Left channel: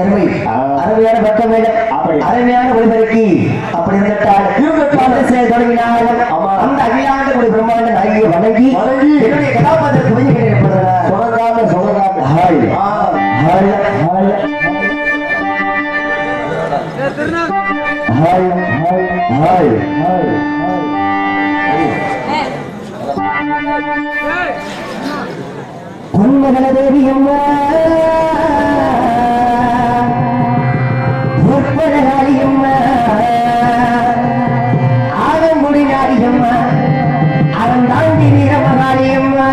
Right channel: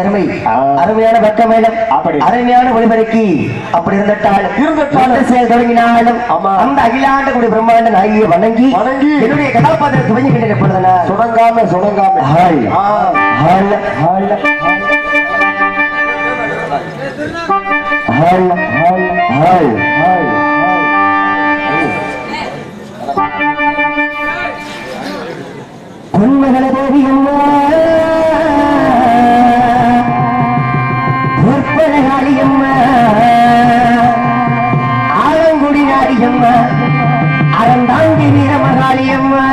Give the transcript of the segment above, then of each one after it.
அருமை அருமையான பக்கமேலம் அருமையான ஒளிபரக்கி அப்படி இருந்துட்டால் தொடங்கினாலும் அந்த அகிலாண்ட கூட பிரம்மாண்ட நாயை வணங்கி என்னுடைய கதாபாத்திரம் துவங்கி கிடைக்கப்படுதா சுணங்காம ஹால் ஹால் ஹால் ஹால் ஹால் ஹால் பொன்மகள தேவியம்மா பொற்பழகாளியம்மா ஆலங்குடி நாடியம்மா அறந்தாங்கி வீரமகாளியம்மா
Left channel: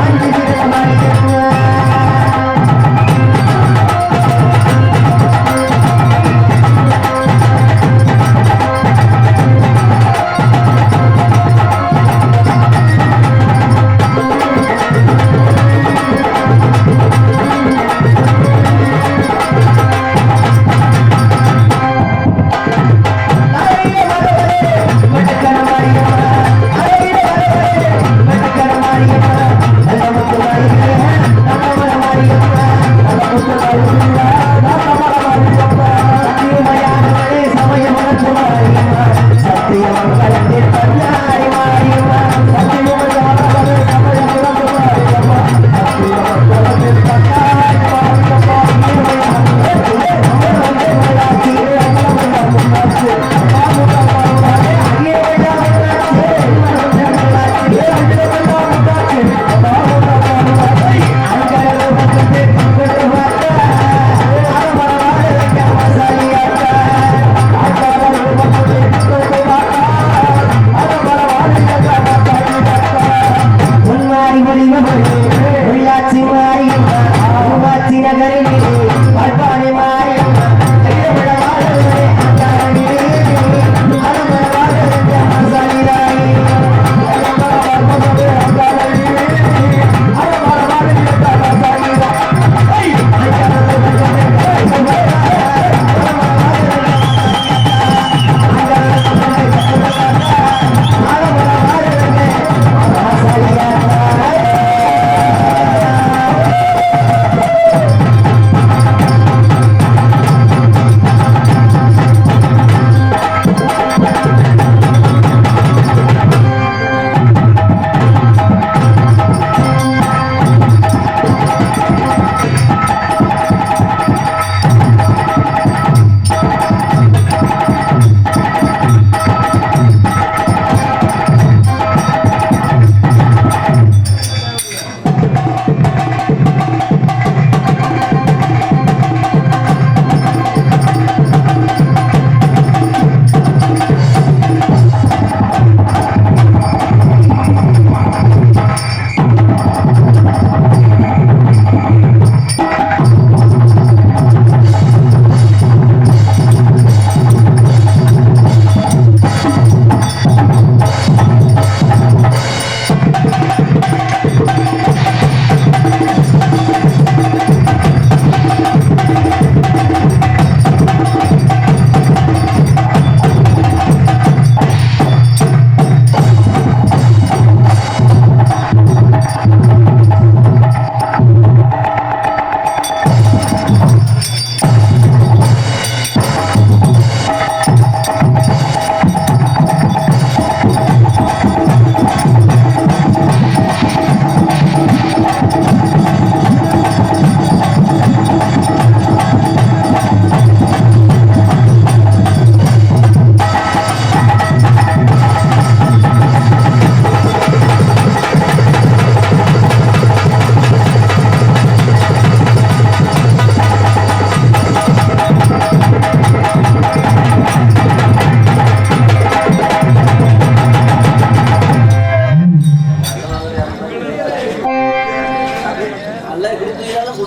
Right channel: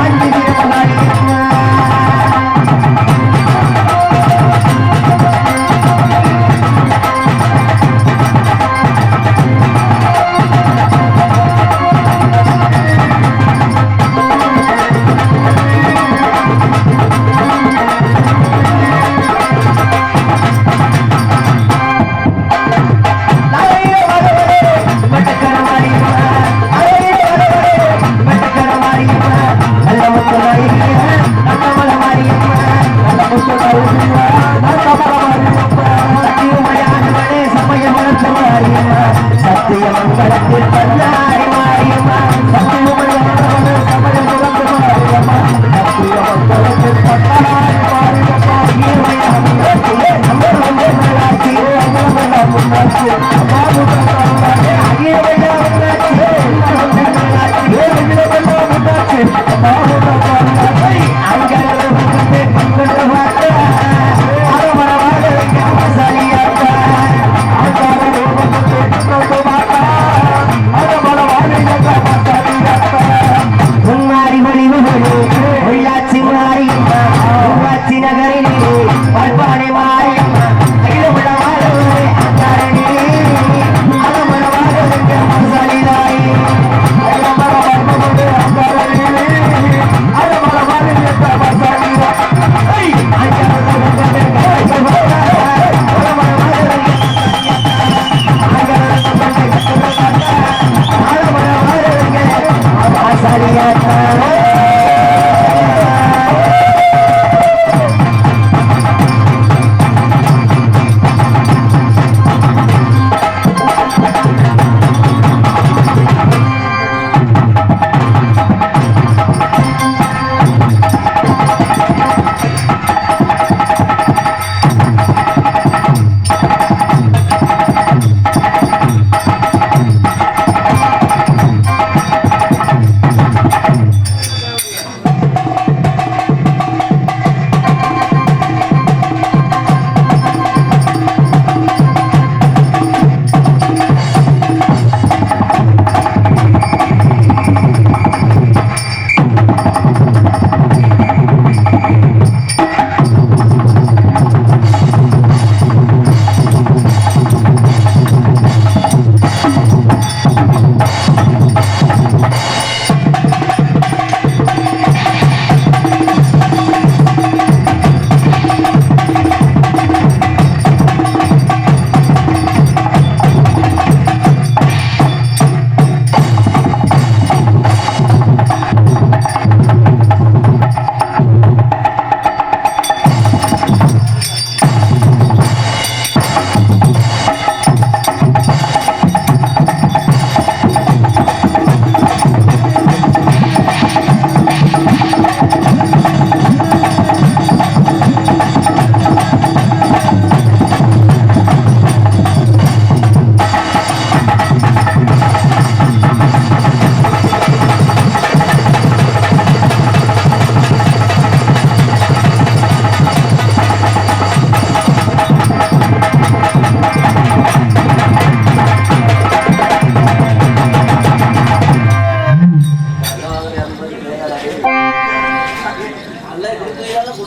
I'm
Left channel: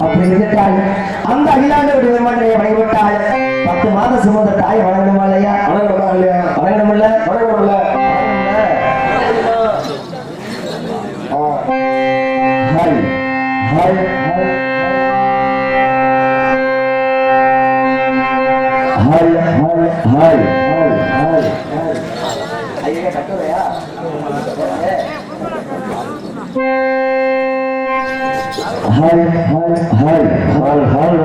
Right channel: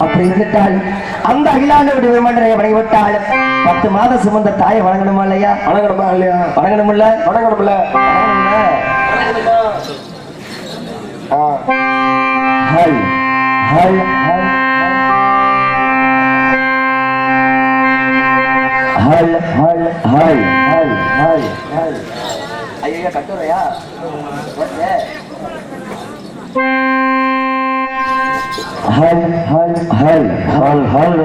அப்படி இருந்துட்டால் அந்த அகிலாண்டவருடைய விமானத்தை வணங்கிவிட்டால் 10 மாதம் சுமந்த தாயை வணங்கணுமா இல்லையா? வணங்கணுமா இல்லையா? வணங்கணும்ல வணங்கணும்ல ஹல் ஹல் ஹல் ஹல் ஹல் ஹல் ஹல் ஹல் ஹல் ஐயா கட்டுரையா ஹல் ஹல் ஹல் ஹல் ஹல்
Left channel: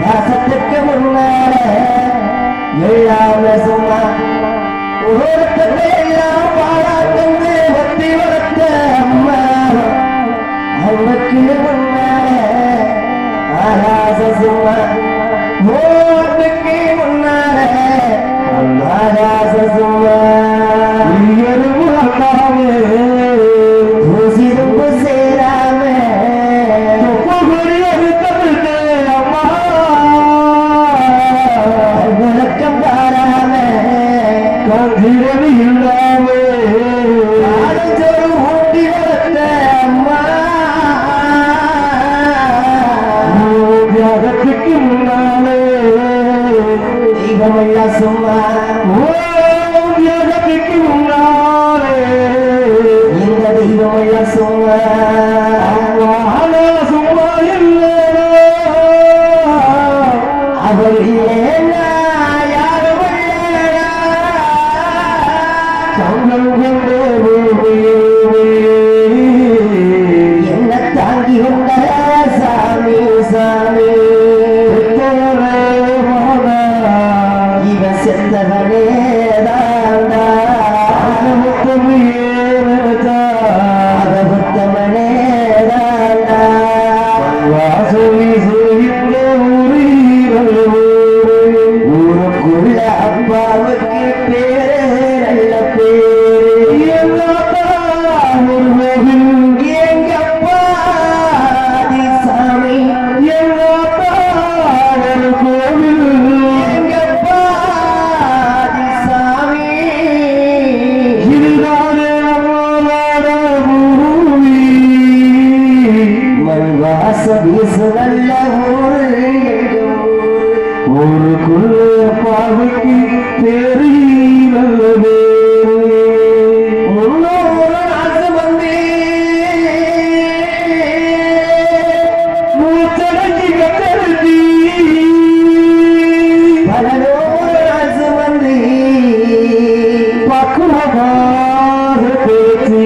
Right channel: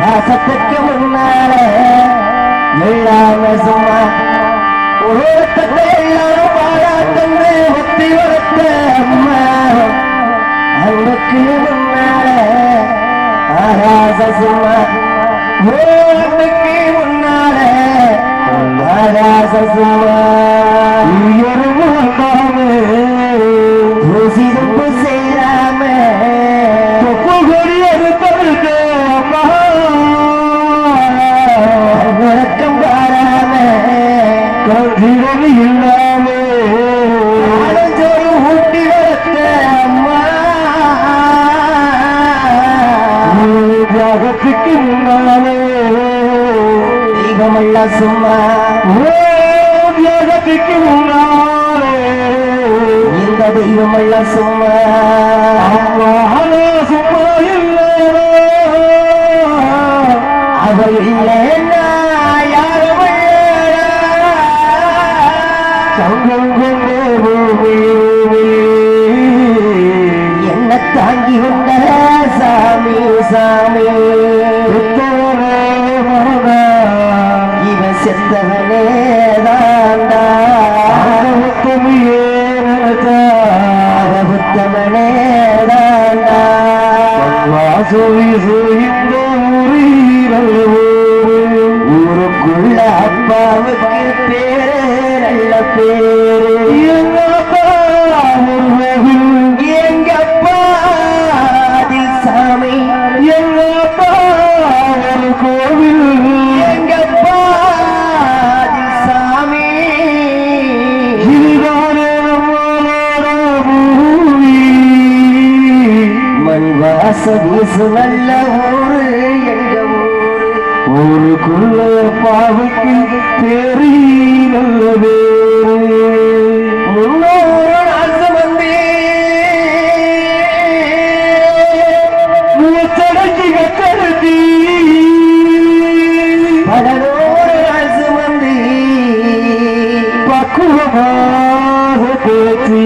பாசத்துக்கு முன்னால எல்லாமே சும்மா ஒருத்தத்தை எல்லாம் பாராட்டந்து ஒத்தி வளர்த்த அம்மா அவனுக்கு முன்னால ஆகாச சும்மா ஓட்டுக்கு முன்னால ஆகாச சும்மா சிறப்பு சேராம வணக்கம் பாராம இல்லாமே ஊட்டி வளர்த்த அம்மா தியாகத்துக்கு முன்னாலே தெய்வமெல்லாம் சும்மா தியாகத்துக்கு முன்னாலே இந்த தெய்வமெல்லாம் சும்மா சும்மா இல்லை அவள் இல்லைன்னா யாரும் என்ன தாங்கி வந்த சாமி சாமி இவன் செத்தவனே தாண்டா புத்தமனே தாண்டா ஊருக்குள்ள அப்பாவுக்கு பேரு நல்ல பேரு எங்க அப்பா சாமி எங்க அப்பா கோவில் எங்க அப்பா சாமி இதுதானே நம்மளோட பூமி மண் வாச வீசு நல்ல ஊரு எங்க ஊருக்குள்ள பாவுக்கு பேரு நல்லது முன்னோரு நாசம் வந்தே மூச்சடக்கி கத்தருத்தி பலனோரு நாசம் வந்தே பக்குவமாக பேச்சு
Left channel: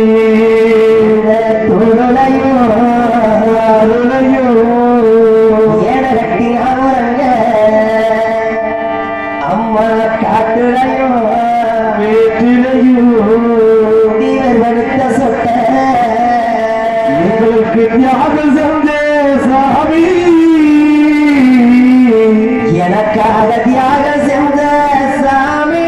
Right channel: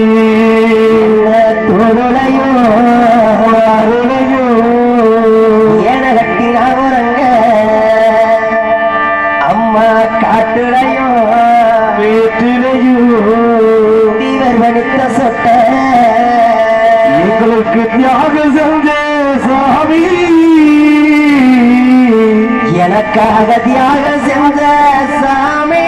தொடுலையோ அருளையோ என கட்டினாங்க அம்மா காட்டுலையோ வீட்டிலையோ இவர் வடுத்த சொட்ட எங்களுக்கு தியாகம் செஞ்ச சாமி எனக்காக தியாகம் செஞ்ச சாமி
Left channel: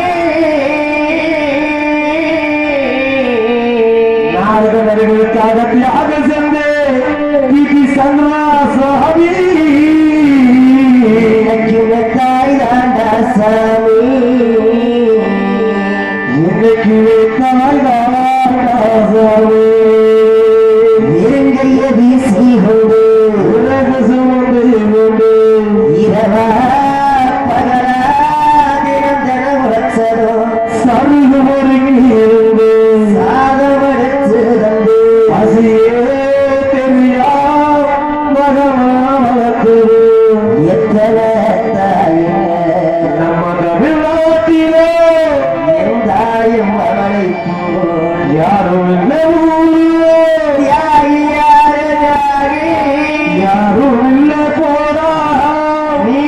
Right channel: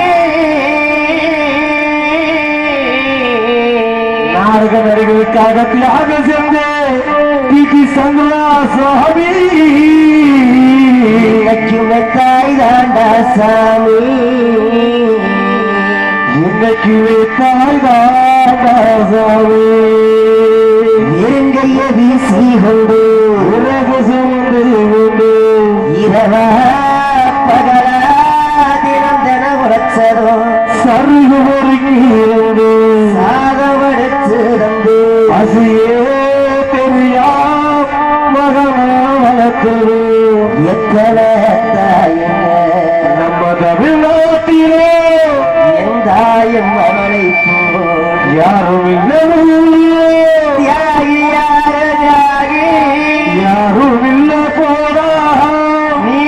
நாரகர்களுக்காக தியாகம் செஞ்ச பிபி சந்திரா சுவாமி இன்னைக்குமே தாய் தாண்டா சாமி இன்னைக்குமே தாய் தாண்டா சாமி நெருங்கைய வீசி கொண்டு சுமந்து கொண்டு இரவா பகலா தினம் தினம் உழைச்சதோ சருகு பொறுங்கி சாதமடிச்சு தந்து பசியே தெரியா மகமானது எத்தனை தாயங்க நம்ம தமிழ்நாட்டிலே என் தாயும் அவளை யாரும் இல்லை தியாகி யாரு தியாகி யாரும் இல்லை போதா நீ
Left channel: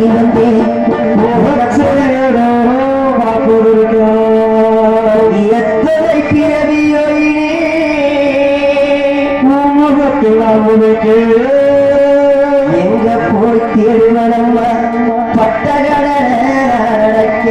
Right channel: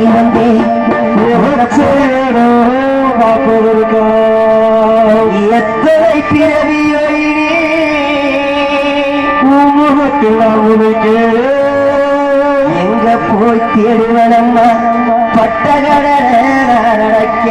இறங்கி வந்தேன் எத்தனை பிறவியோ எங்க போய் தேடுவனம்மா பட்டகட நடக்க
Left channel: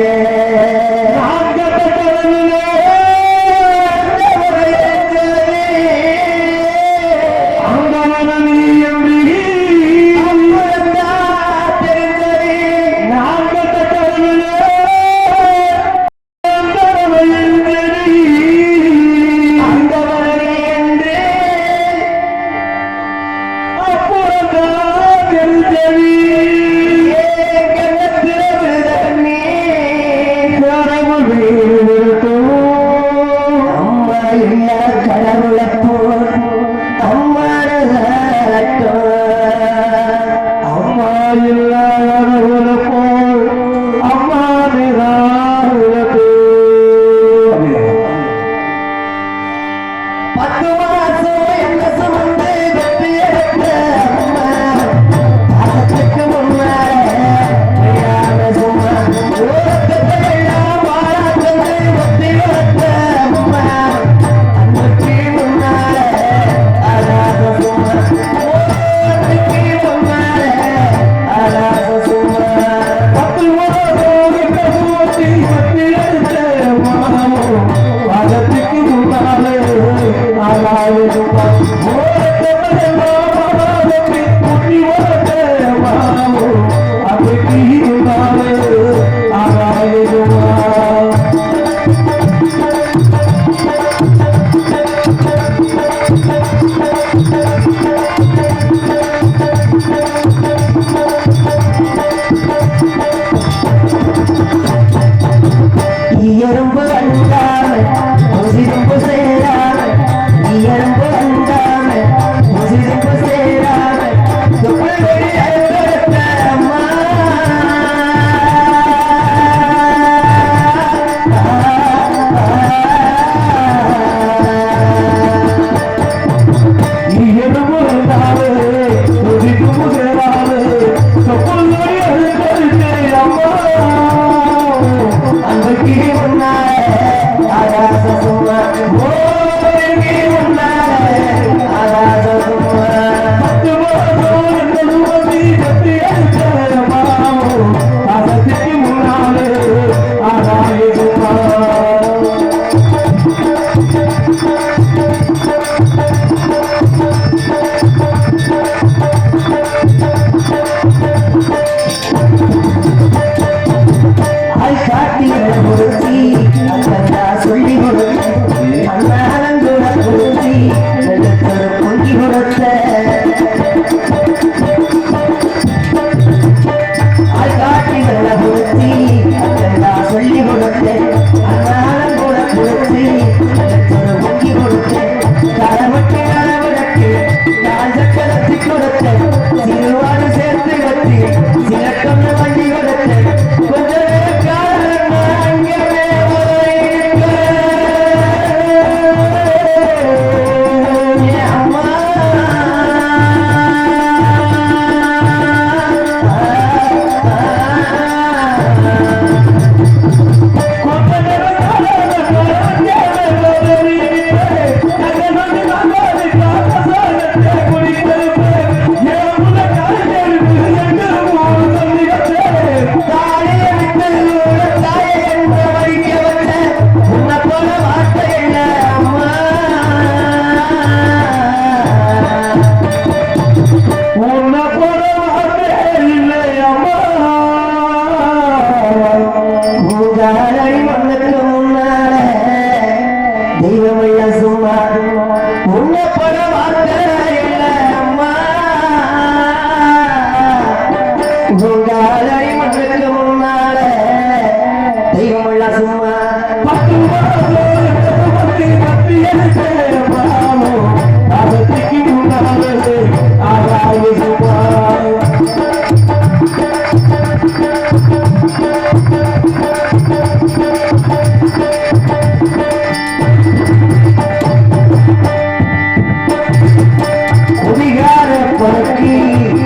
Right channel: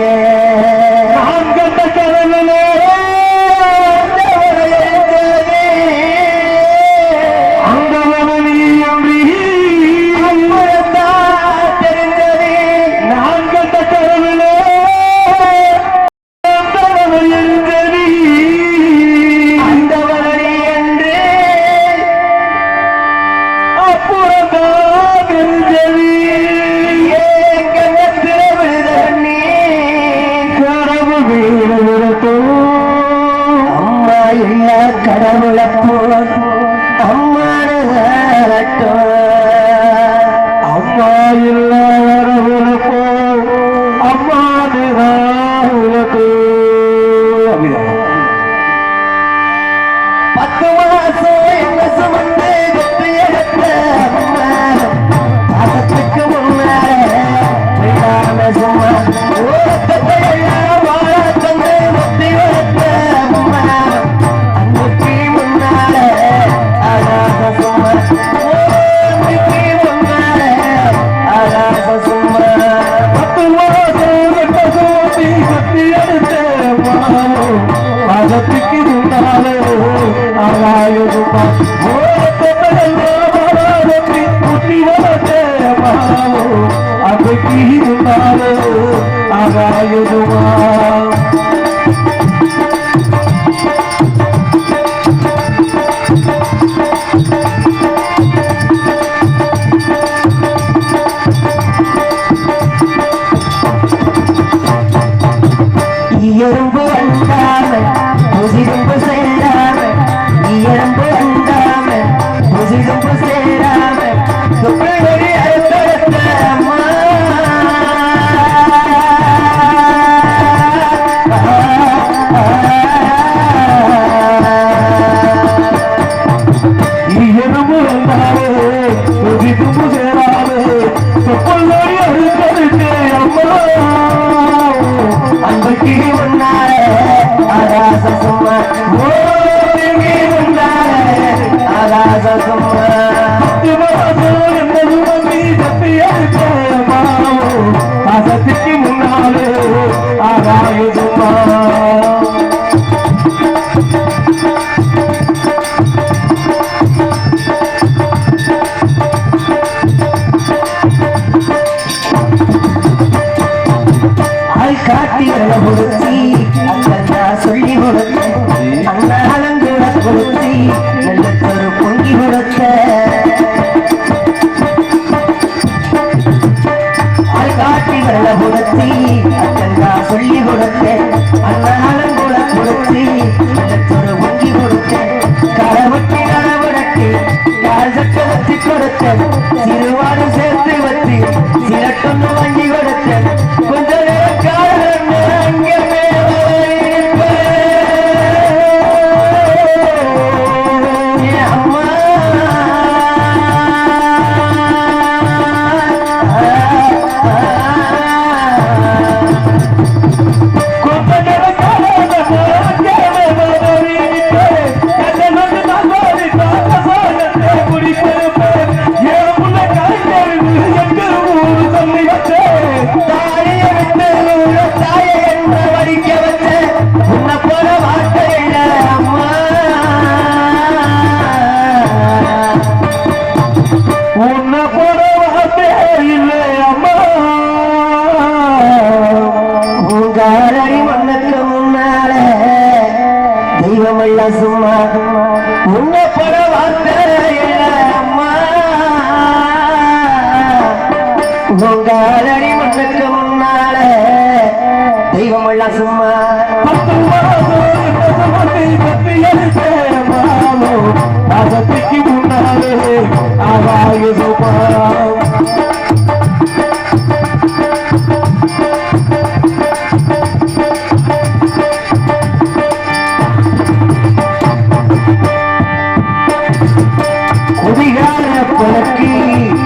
குதிகார பறக்கி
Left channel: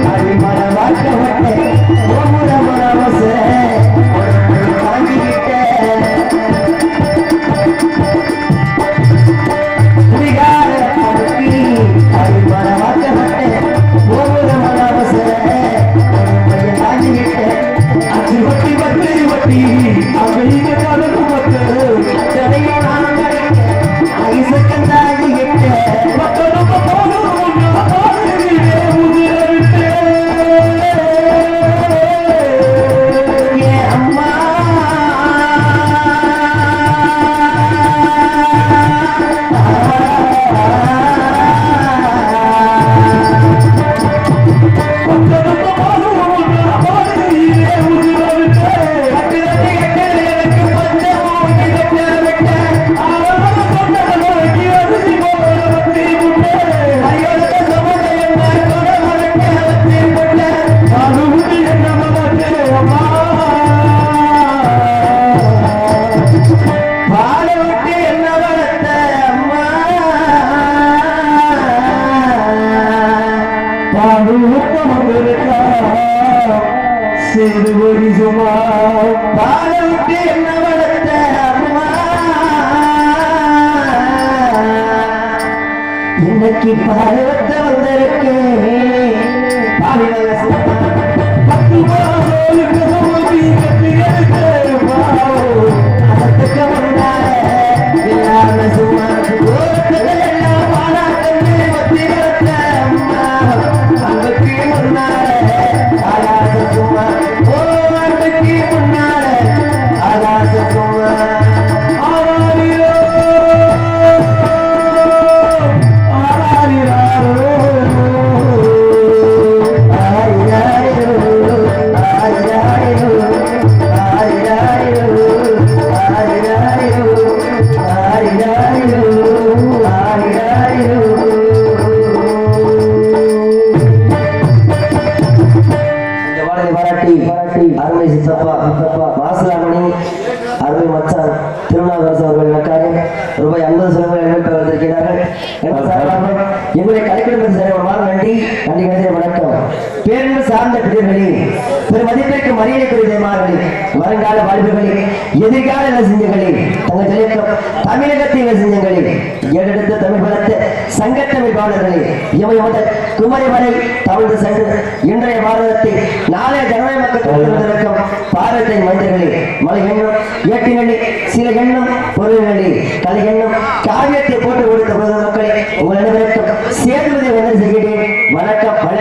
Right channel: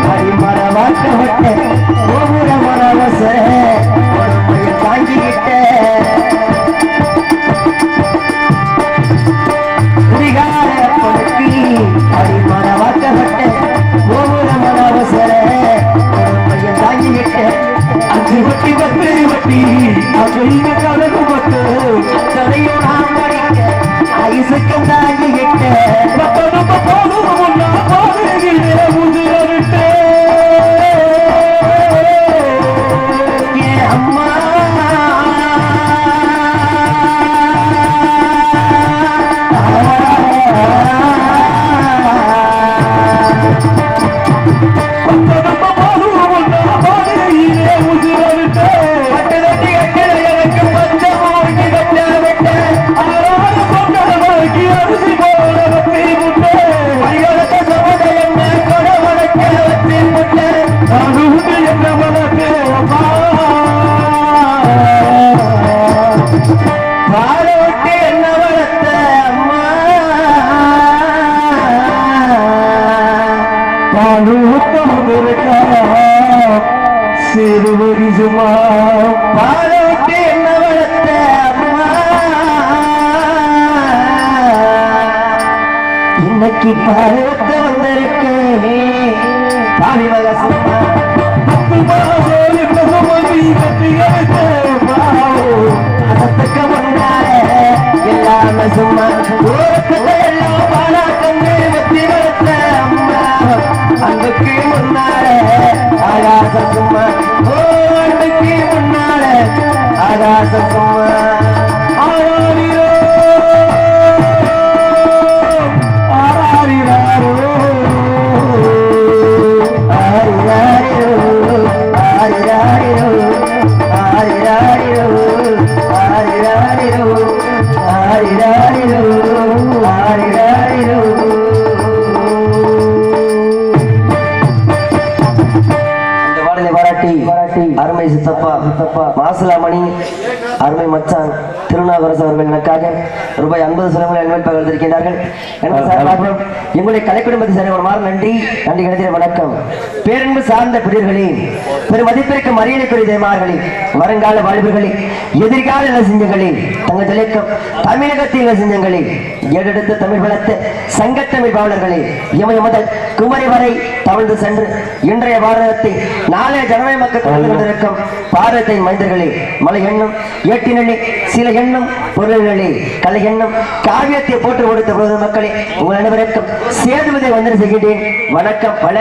அடிமர வாட்ட கோபுர சேதுபதி சும்மா பாலை விட்டு என்ன வளர்த்த அம்மா இன்னைக்கு பாலத்த வந்திருக்கு பாவி வகை சும்மா அதத்துக்கு முன்னால எல்லாமே சும்மா எல்லாம் பாலா கண்ணு ஒத்தி வளர்த்த அம்மா அங்குக்கு முன்னால ஆகாச சும்மா ஓ அங்குக்கு முன்னால ஆகாச சும்மா ஆராரிரோ ஆராரிரோ அருமை சித்தப்பா மாசிலாமணி அருமை மச்சான் திருநாவுக்கரசு அவர்களுக்காக ரூபாய் 50 செலவுகள் அன்பளிப்பாக வந்திருக்கிறார்கள். எங்களுடைய கலைக்குடும்பத்தை சேர்ந்தவருமாறு நன்றி நன்றி கிடைத்த வணக்கம். பேரன்பு சார்ந்த பிரியர்களே, பெருமதிப்பிற்கு மரியாதைக்குரிய தேமார்களே, வருங்கால வாலிபர்களே, எதிர்கால இளசிஞ்சங்களே, தங்கள் தலைக்கம் தமிழகத்தின் இளசிஞ்சங்களே, ஏறெடுத்து தமிழ் வளர்த்த சங்கத்தமிழ் பாவலர்களே, இமை முதல் குமரி வரை தவழ்ந்து சென்று இன்றைய பாரதத்தை நாளைய ஜனநாயக மக்கள் இருக்கும் பாரதத்தை மைந்தர்களே, மலை எண்ணம் ஏட்டினே சில எண்ணம் பொருள்களே, கலை எண்ணம் காவியத்தை போட்டு கொடுத்த பொழுது மக்களே, உங்கள் அனைவருக்கும் சேதுவதை வந்து செய்கிறேன். வணக்கம். பல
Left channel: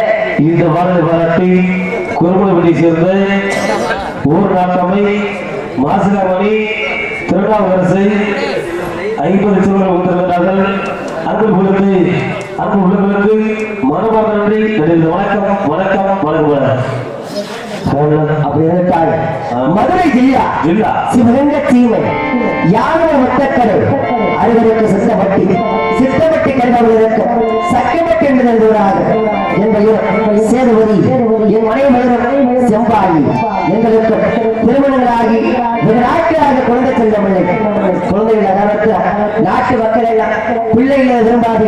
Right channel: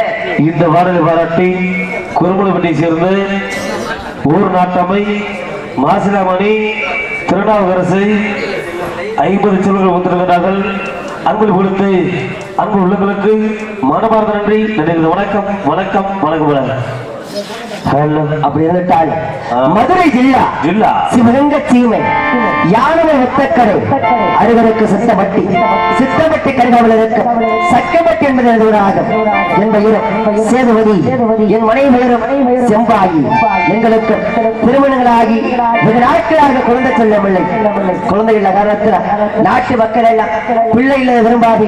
இந்த பாரதி பாராட்டி குறுகுளப்பட்டி சேர்ந்த ஊர் நாட்டமை மாசிலாமணி திருநாவுக்கரசை 50 செல்வங்கள் வந்திருக்கிறார்கள். அன்பு கொடுத்து அன்பு உள்ளங்களுக்கு மனமார்ந்த நன்றி நன்றி. வணக்கம் வணக்கம் வணக்கம். அப்படி இருந்துட்டால் மதுரை ஜில்லா சிவகங்கை சீமை யானை ஒத்தக்கரை அறுவருக்கு சித்தப்பட்டி கருகாவலருக்கு சக்கப்பட்டி என்பது சேதுபதி என் மனைவி செம்பாயி எங்களுக்கு திருமணங்களாகி வெகு நாட்களாக குழந்தை சொல்லவில்லை. குழந்தைகள் காரணத்தில் நாட்டு மக்கள் எல்லாம் பிள்ளைகளை விரும்பாது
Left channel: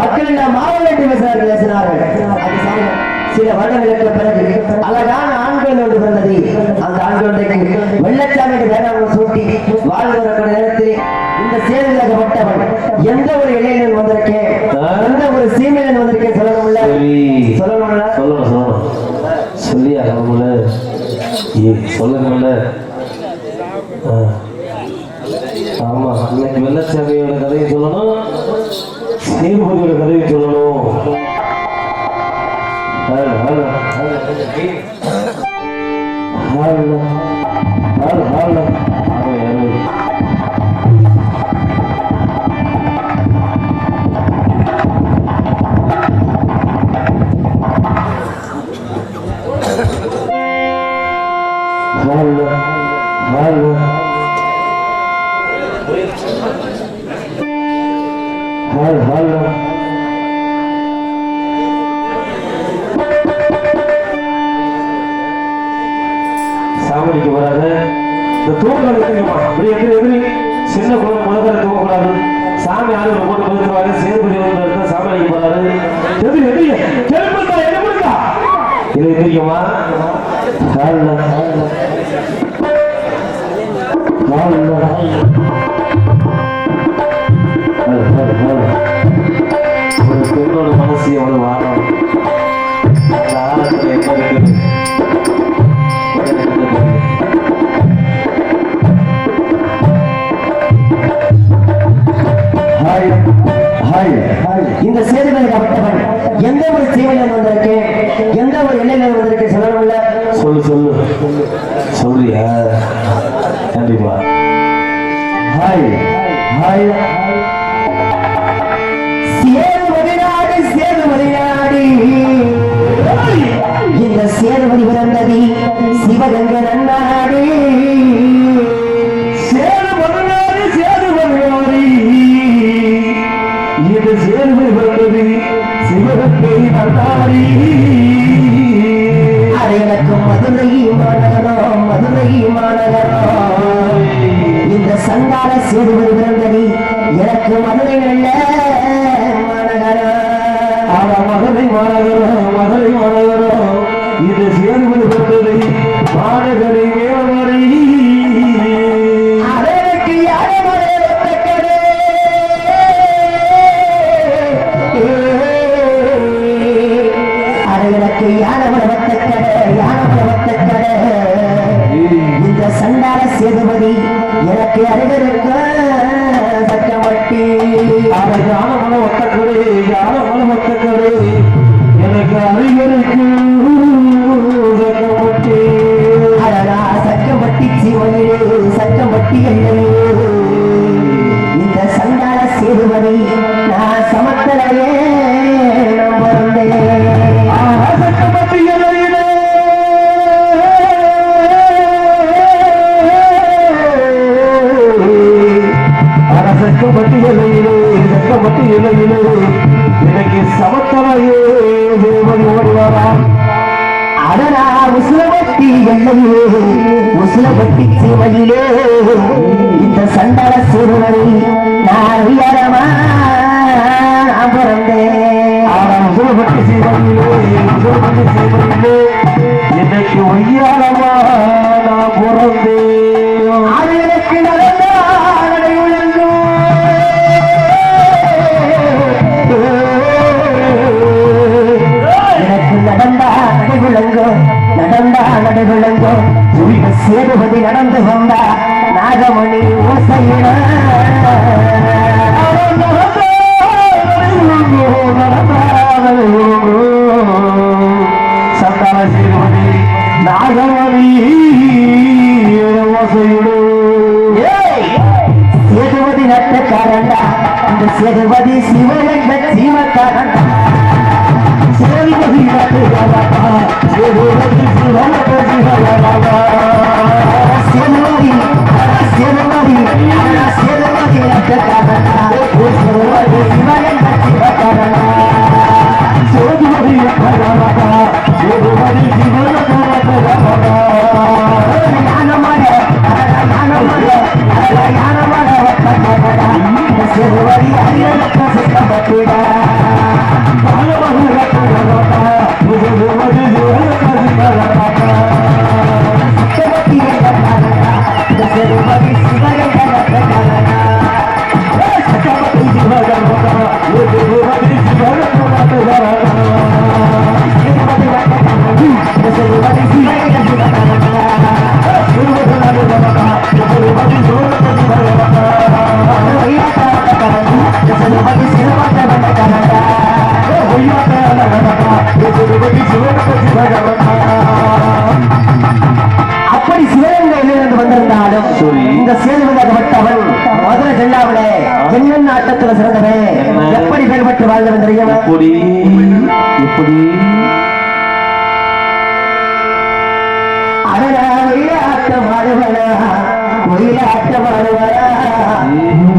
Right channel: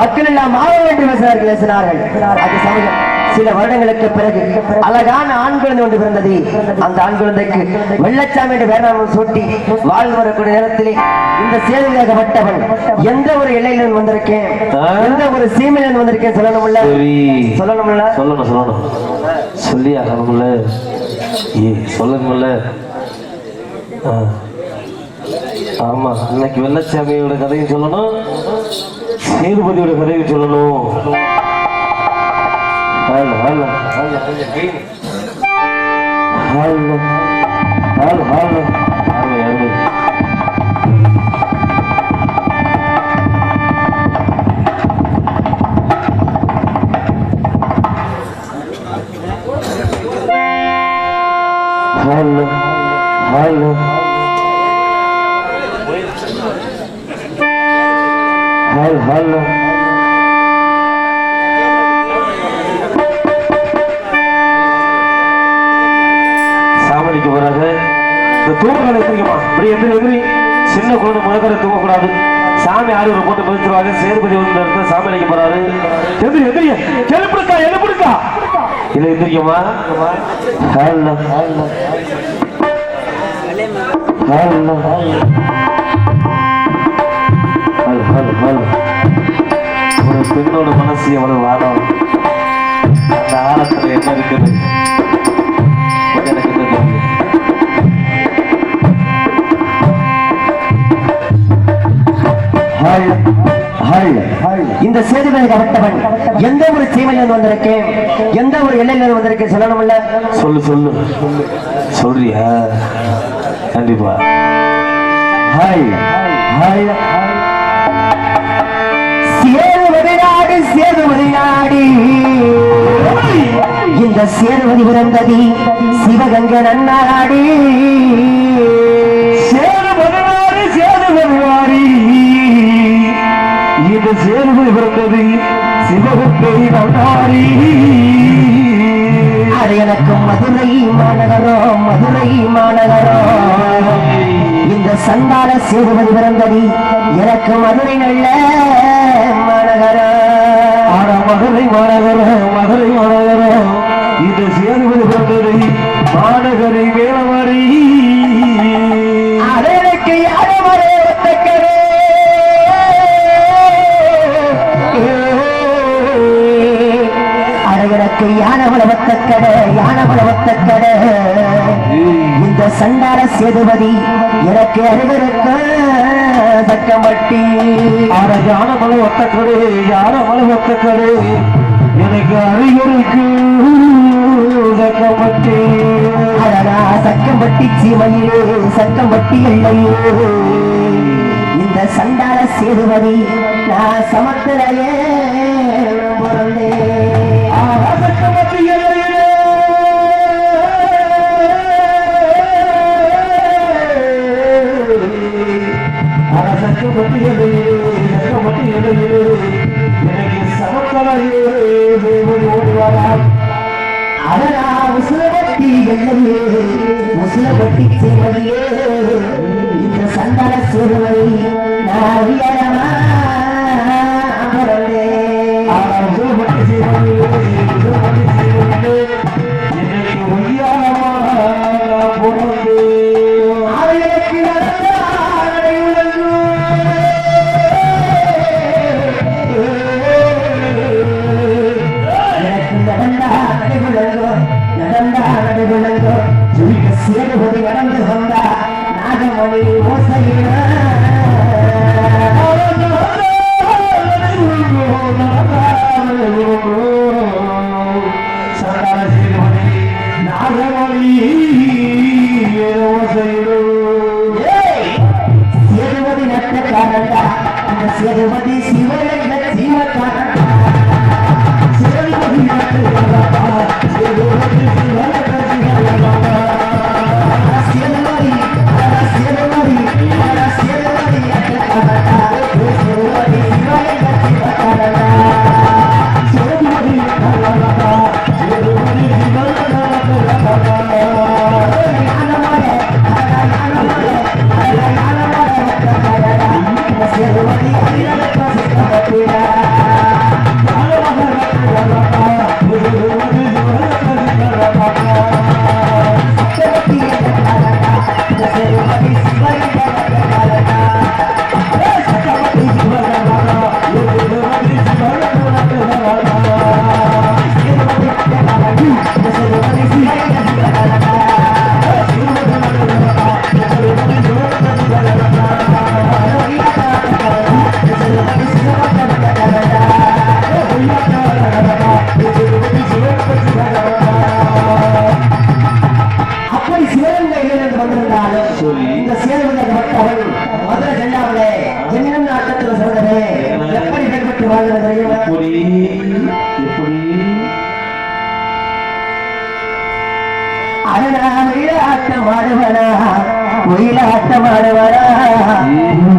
மக்கள் எல்லாம் மாவட்டம் என்று பேசினார்கள். அது சமயம் சில வருடங்களுக்கு பிறகு அழகான ஆண் குழந்தை ஒன்று பிறந்தது. அந்த ஆண் குழந்தைக்கு வெள்ளச்சாமி என்று பேராமல் சூட்டி வாழ்ந்து வரக்கூடிய நேரத்திலே இந்த சேதுவாகப்பட்டவன் எந்த ஒரு இலையிலும் வந்திருக்கேன், எந்த ஒரு சீமையிலும் வந்திருக்கேன் சொல்லணும்ல சொல்லணும் சொல்லியா சொல்லுங்கல்ல. ஆமா, இன்னைக்கு வெள்ளச்சாமியோட கதையை சொல்லணும், சேதுபதியோட கதையை சொல்லணும். சாமணிக்கு வராங்க. இந்த தூக்கலை அப்படி எதிரி சின்ன குழந்தை முதல்ல தூக்கக்கூடாது. சாமி ஆறு போட்டு பதிச்சுருவாங்க. சேதுபதி வந்து சாமணிக்கு போறாரு. எதிரி செருப்புக்கா எடுப்புக்கா இதை எதிரிக்குமா ஒரு பெண்ணோட மனசு எவ்வளவு வாரம், அந்த ஆழத்துல என்ன இருக்குது இந்த சேதுபதியாகப்பட்டவன் எந்த ஒரு சீமையில் வந்திருக்கேன், எந்த ஒரு எல்லையில் வந்திருக்கேன் சொல்லணும்ல. சொல்லு சொல்றியா? கண்டிப்பா. சேதுபதி நாடு இந்த சேதுபதி பிறந்தது சிவகங்கை நன்னாடு. இது சேதுபதி பிறந்தது சிவகங்கை நன்னாடு. அது எனக்கும் மதுரை மாநகரம் இந்த சங்கார சேதுபதி பிறந்தது எனக்கு மதுரை நல்ல மாநகரம். மதுரை மாநகரம் இது சேதுபதி பிறந்தது சேதுபதி எனக்கு அறிவிருக்க தக்கமட்டி அட யான மலை ஒத்தக்கடு யான மலை ஒத்தக்கடு எனக்கு அறிவிருக்கு தக்கமட்டி அடடா சக்கம்பட்டி சீமையிலே சக்கம்பட்டி எல்லையே இந்த சண்டால சேதுபதி நான் சமத்தலையே சக்கமட்டி எல்லையிலே சக்கமட்டி எல்லையிலே சக்கமட்டி எல்லையிலே எனக்கு சமத்தலையே தேவன் ஓடுவாராம் அடடா முசுலபட்டி எல்லையே முசுலபட்டி சீமையிலே இந்த சண்டால சேதுபதி நான் உயரமா பிறந்தேன் முசுலபட்டி சீமையிலே முசுலபட்டி சீமையிலே எனக்கு ஒய்யாரமா நான் பிறந்தேன் அவளுக்கு நடந்த எனக்கு நடந்தா நடைகுழங்கோ நடந்தா நடைகுழங்கோ சேதுபதி நடந்து வந்தா நாகமணி ஓசையிட சந்தான சேதுபதி நாகமணி ஓசையிடு சேதுபதி நட்டக்காரண்டா இந்த சேதுபதி சிவலிங்க சீமக்காரண்டா சேதுபதி நட்டக்காரண்டா சேதுபதி சிவலிங்க சீமக்காரண்டா சேதுபதி சேதுபதி சேதுபதி நட்டக்காரண்டா சேதுபதி சிவலிங்க சீமக்காரண்டா சேதுபதி நட்டக்காரண்டா சேதுபதி சிவலிங்க சீமக்காரண்டா ஞானமாக சேதுபதி அப்படி சிவகங்கையிலிருந்து வந்திருந்தாலும் இந்த சேதுபதியாகப்பட்டவன் மதுரை ஜெல்லாவில என்னென்ன ஆட்டத்துல சிறந்தவே எப்படி செயல்பட்டு வாழ்ந்தவன் தெரியும் இப்படி இப்படி அவனா ஒயிலாட்டம் ஆடுவனா ஒயிலாட்டம் ஆடுவனா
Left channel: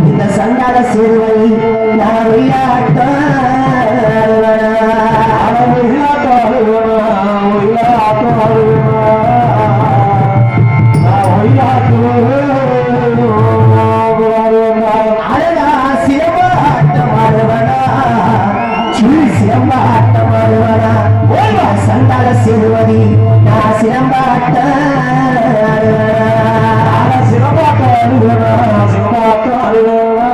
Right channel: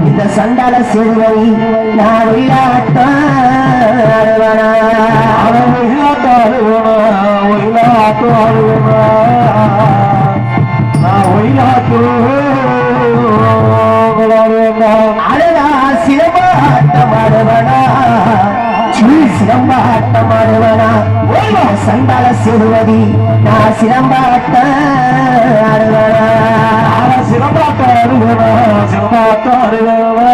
இந்த சண்டால சேதுபதி நான் ஒயிலாட்டம் ஆடுவனா அவன் ஒயிலாட்டம் ஆடுவானா ஒயிலாட்டம் ஆடுவானா நான் அழகா சிலம்பாட்டம் ஆடுவனா சிலம்பாட்டம் ஆடுவனா சண்டால சேதுபதி நான் சிலம்பாட்டம் ஆடுவனா சிலம்பாட்டம் ஆடுவானா சிலம்பாட்டம் ஆடுவானா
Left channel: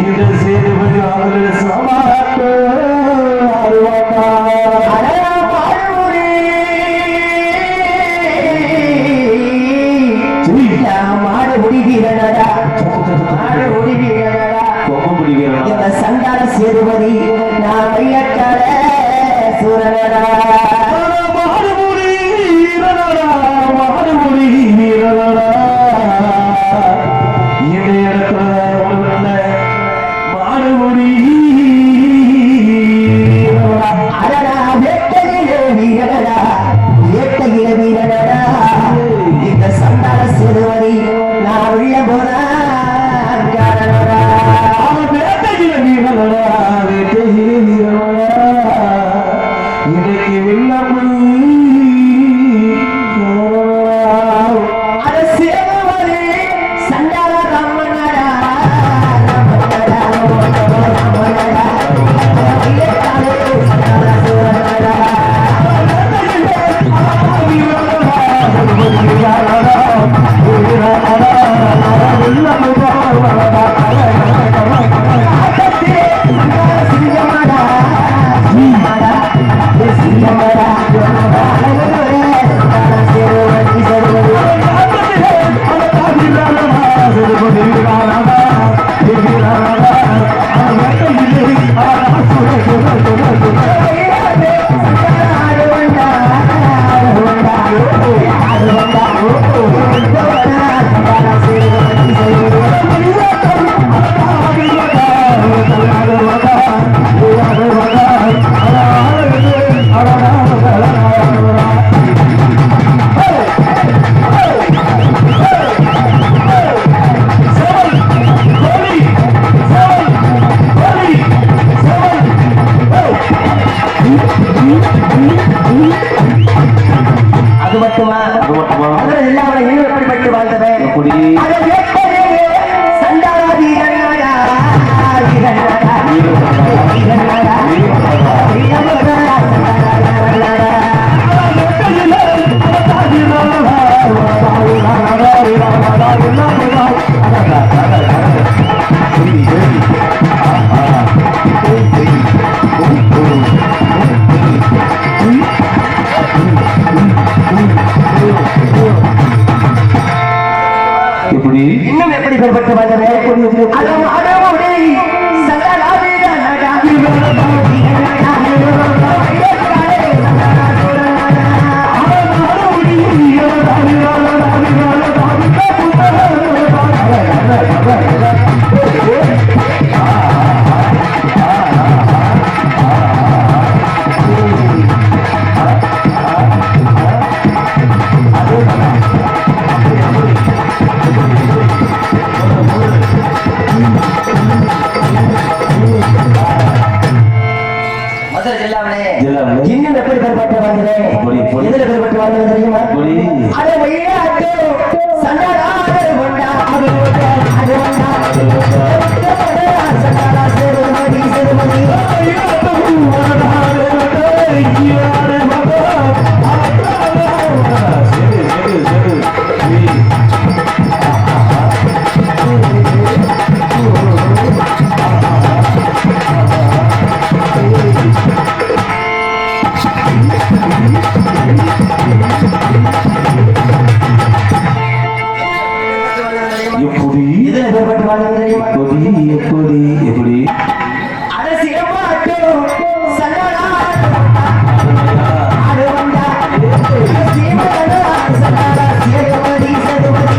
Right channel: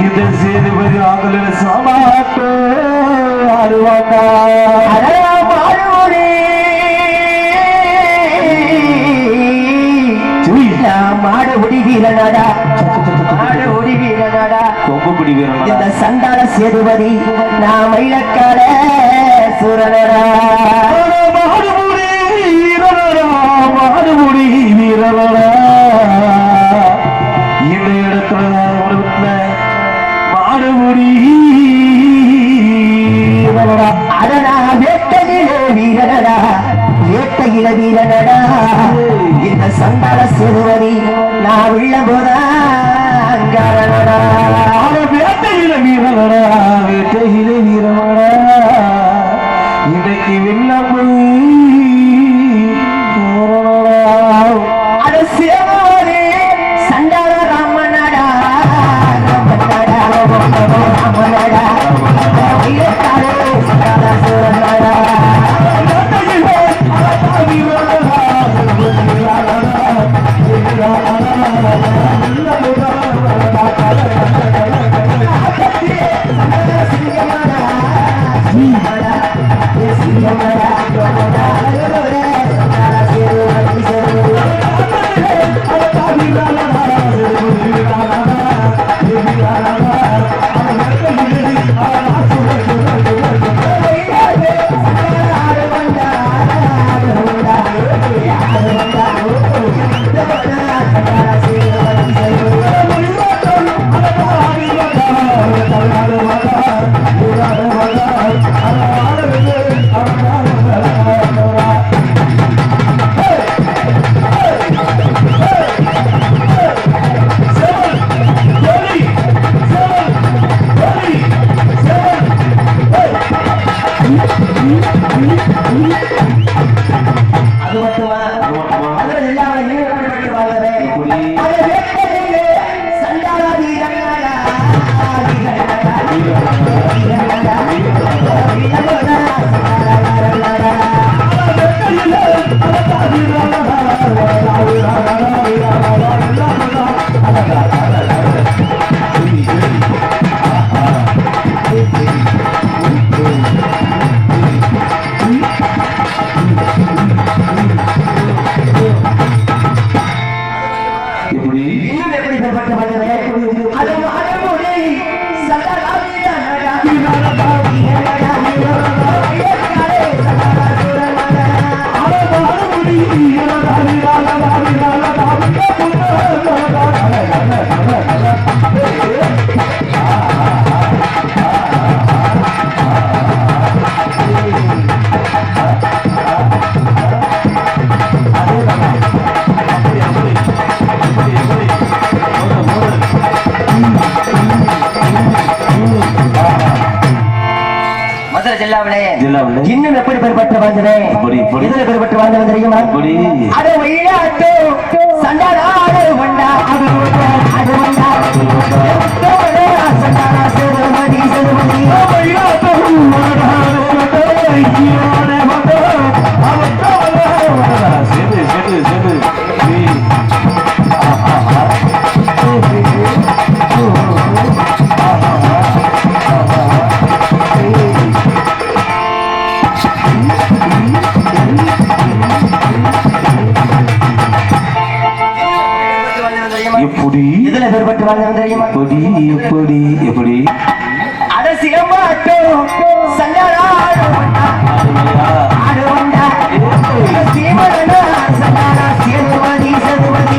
இந்த சேதுபதி ஆகல சிலம்பாட்டம் ஆடுவானா அழகா மாடுமுடி மாடுமுடி வீரனடா மாடுமுடி வீரனடா கொம்புடி வீரனா இந்த சண்டால சேதுபதி நான் மயிலக்கால சூரனடா மாடுமுடி வீரனா மாடுமுடி வீரனா இந்த இடத்துல மாடுமுடி வீரனா அடடா வேட்டையிலே வீரனடா வேட்டையில வீரனடா இந்த சண்டால சேதுபதி நான் உள்ள போதா வேட்டையில வீரனடா வேட்டையில வீரனடா இன்னைக்கு வெள்ளம் அது மட்டுமா மதுரை ஜில்லாவில் இன்னும் எப்படிப்பட்டு வாழ்ந்தவன் எப்படி அதை எப்படியே சண்டாதி கண்ணாடா எப்படி இன்னும் எப்படி பெறப்பட்டு வந்தது அது அடமுடி மதுரை ஜில்லாவிலே இன்னும் எப்படி பெறப்பட்டு வாழ்ந்தது இதுல பெறப்பட்டு வாழ்ந்தது தெரியுமா அது வெள்ளாட்டு சண்டாடு வண்டா அது வண்டா சண்டாடா சேதுமதி சேதுமதி எப்படி இதுல பெறப்பட்டு வாழ்ந்தது தெரியுமா எப்படி எப்படி அட சிலம்பாட்டு சண்டாடா ஆடு வண்டா சீமனா சண்டாடா சேதுமதி சேதுமதி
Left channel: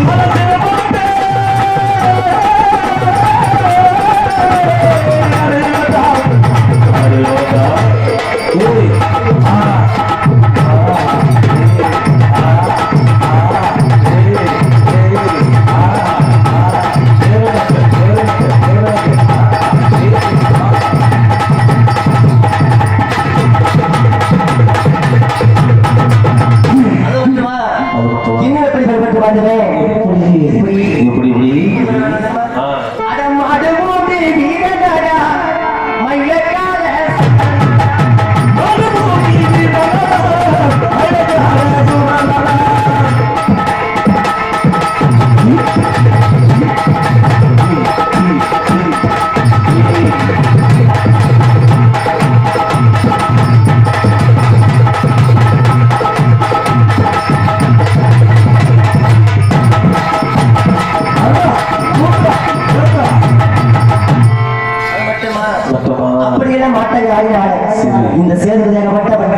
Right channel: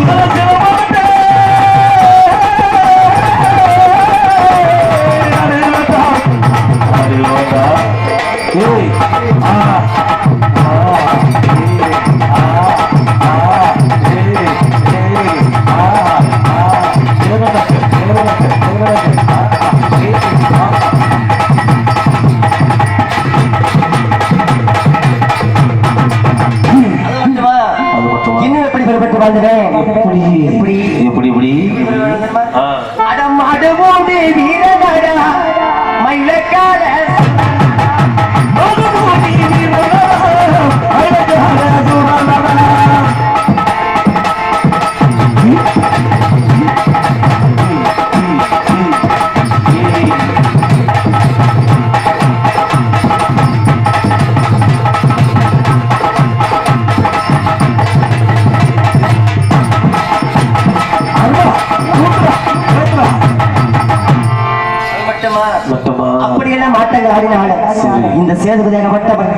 இன்னும் எப்படி பெறப்பட்டு வாழ்ந்தேன் எப்படி எப்படி அடம் அடுமோடி வீரனடா மயிலக்கால அப்படியெல்லாம் மாட்டங்க ஆடினால இந்த சேதுபதியாகப்பட்டவன்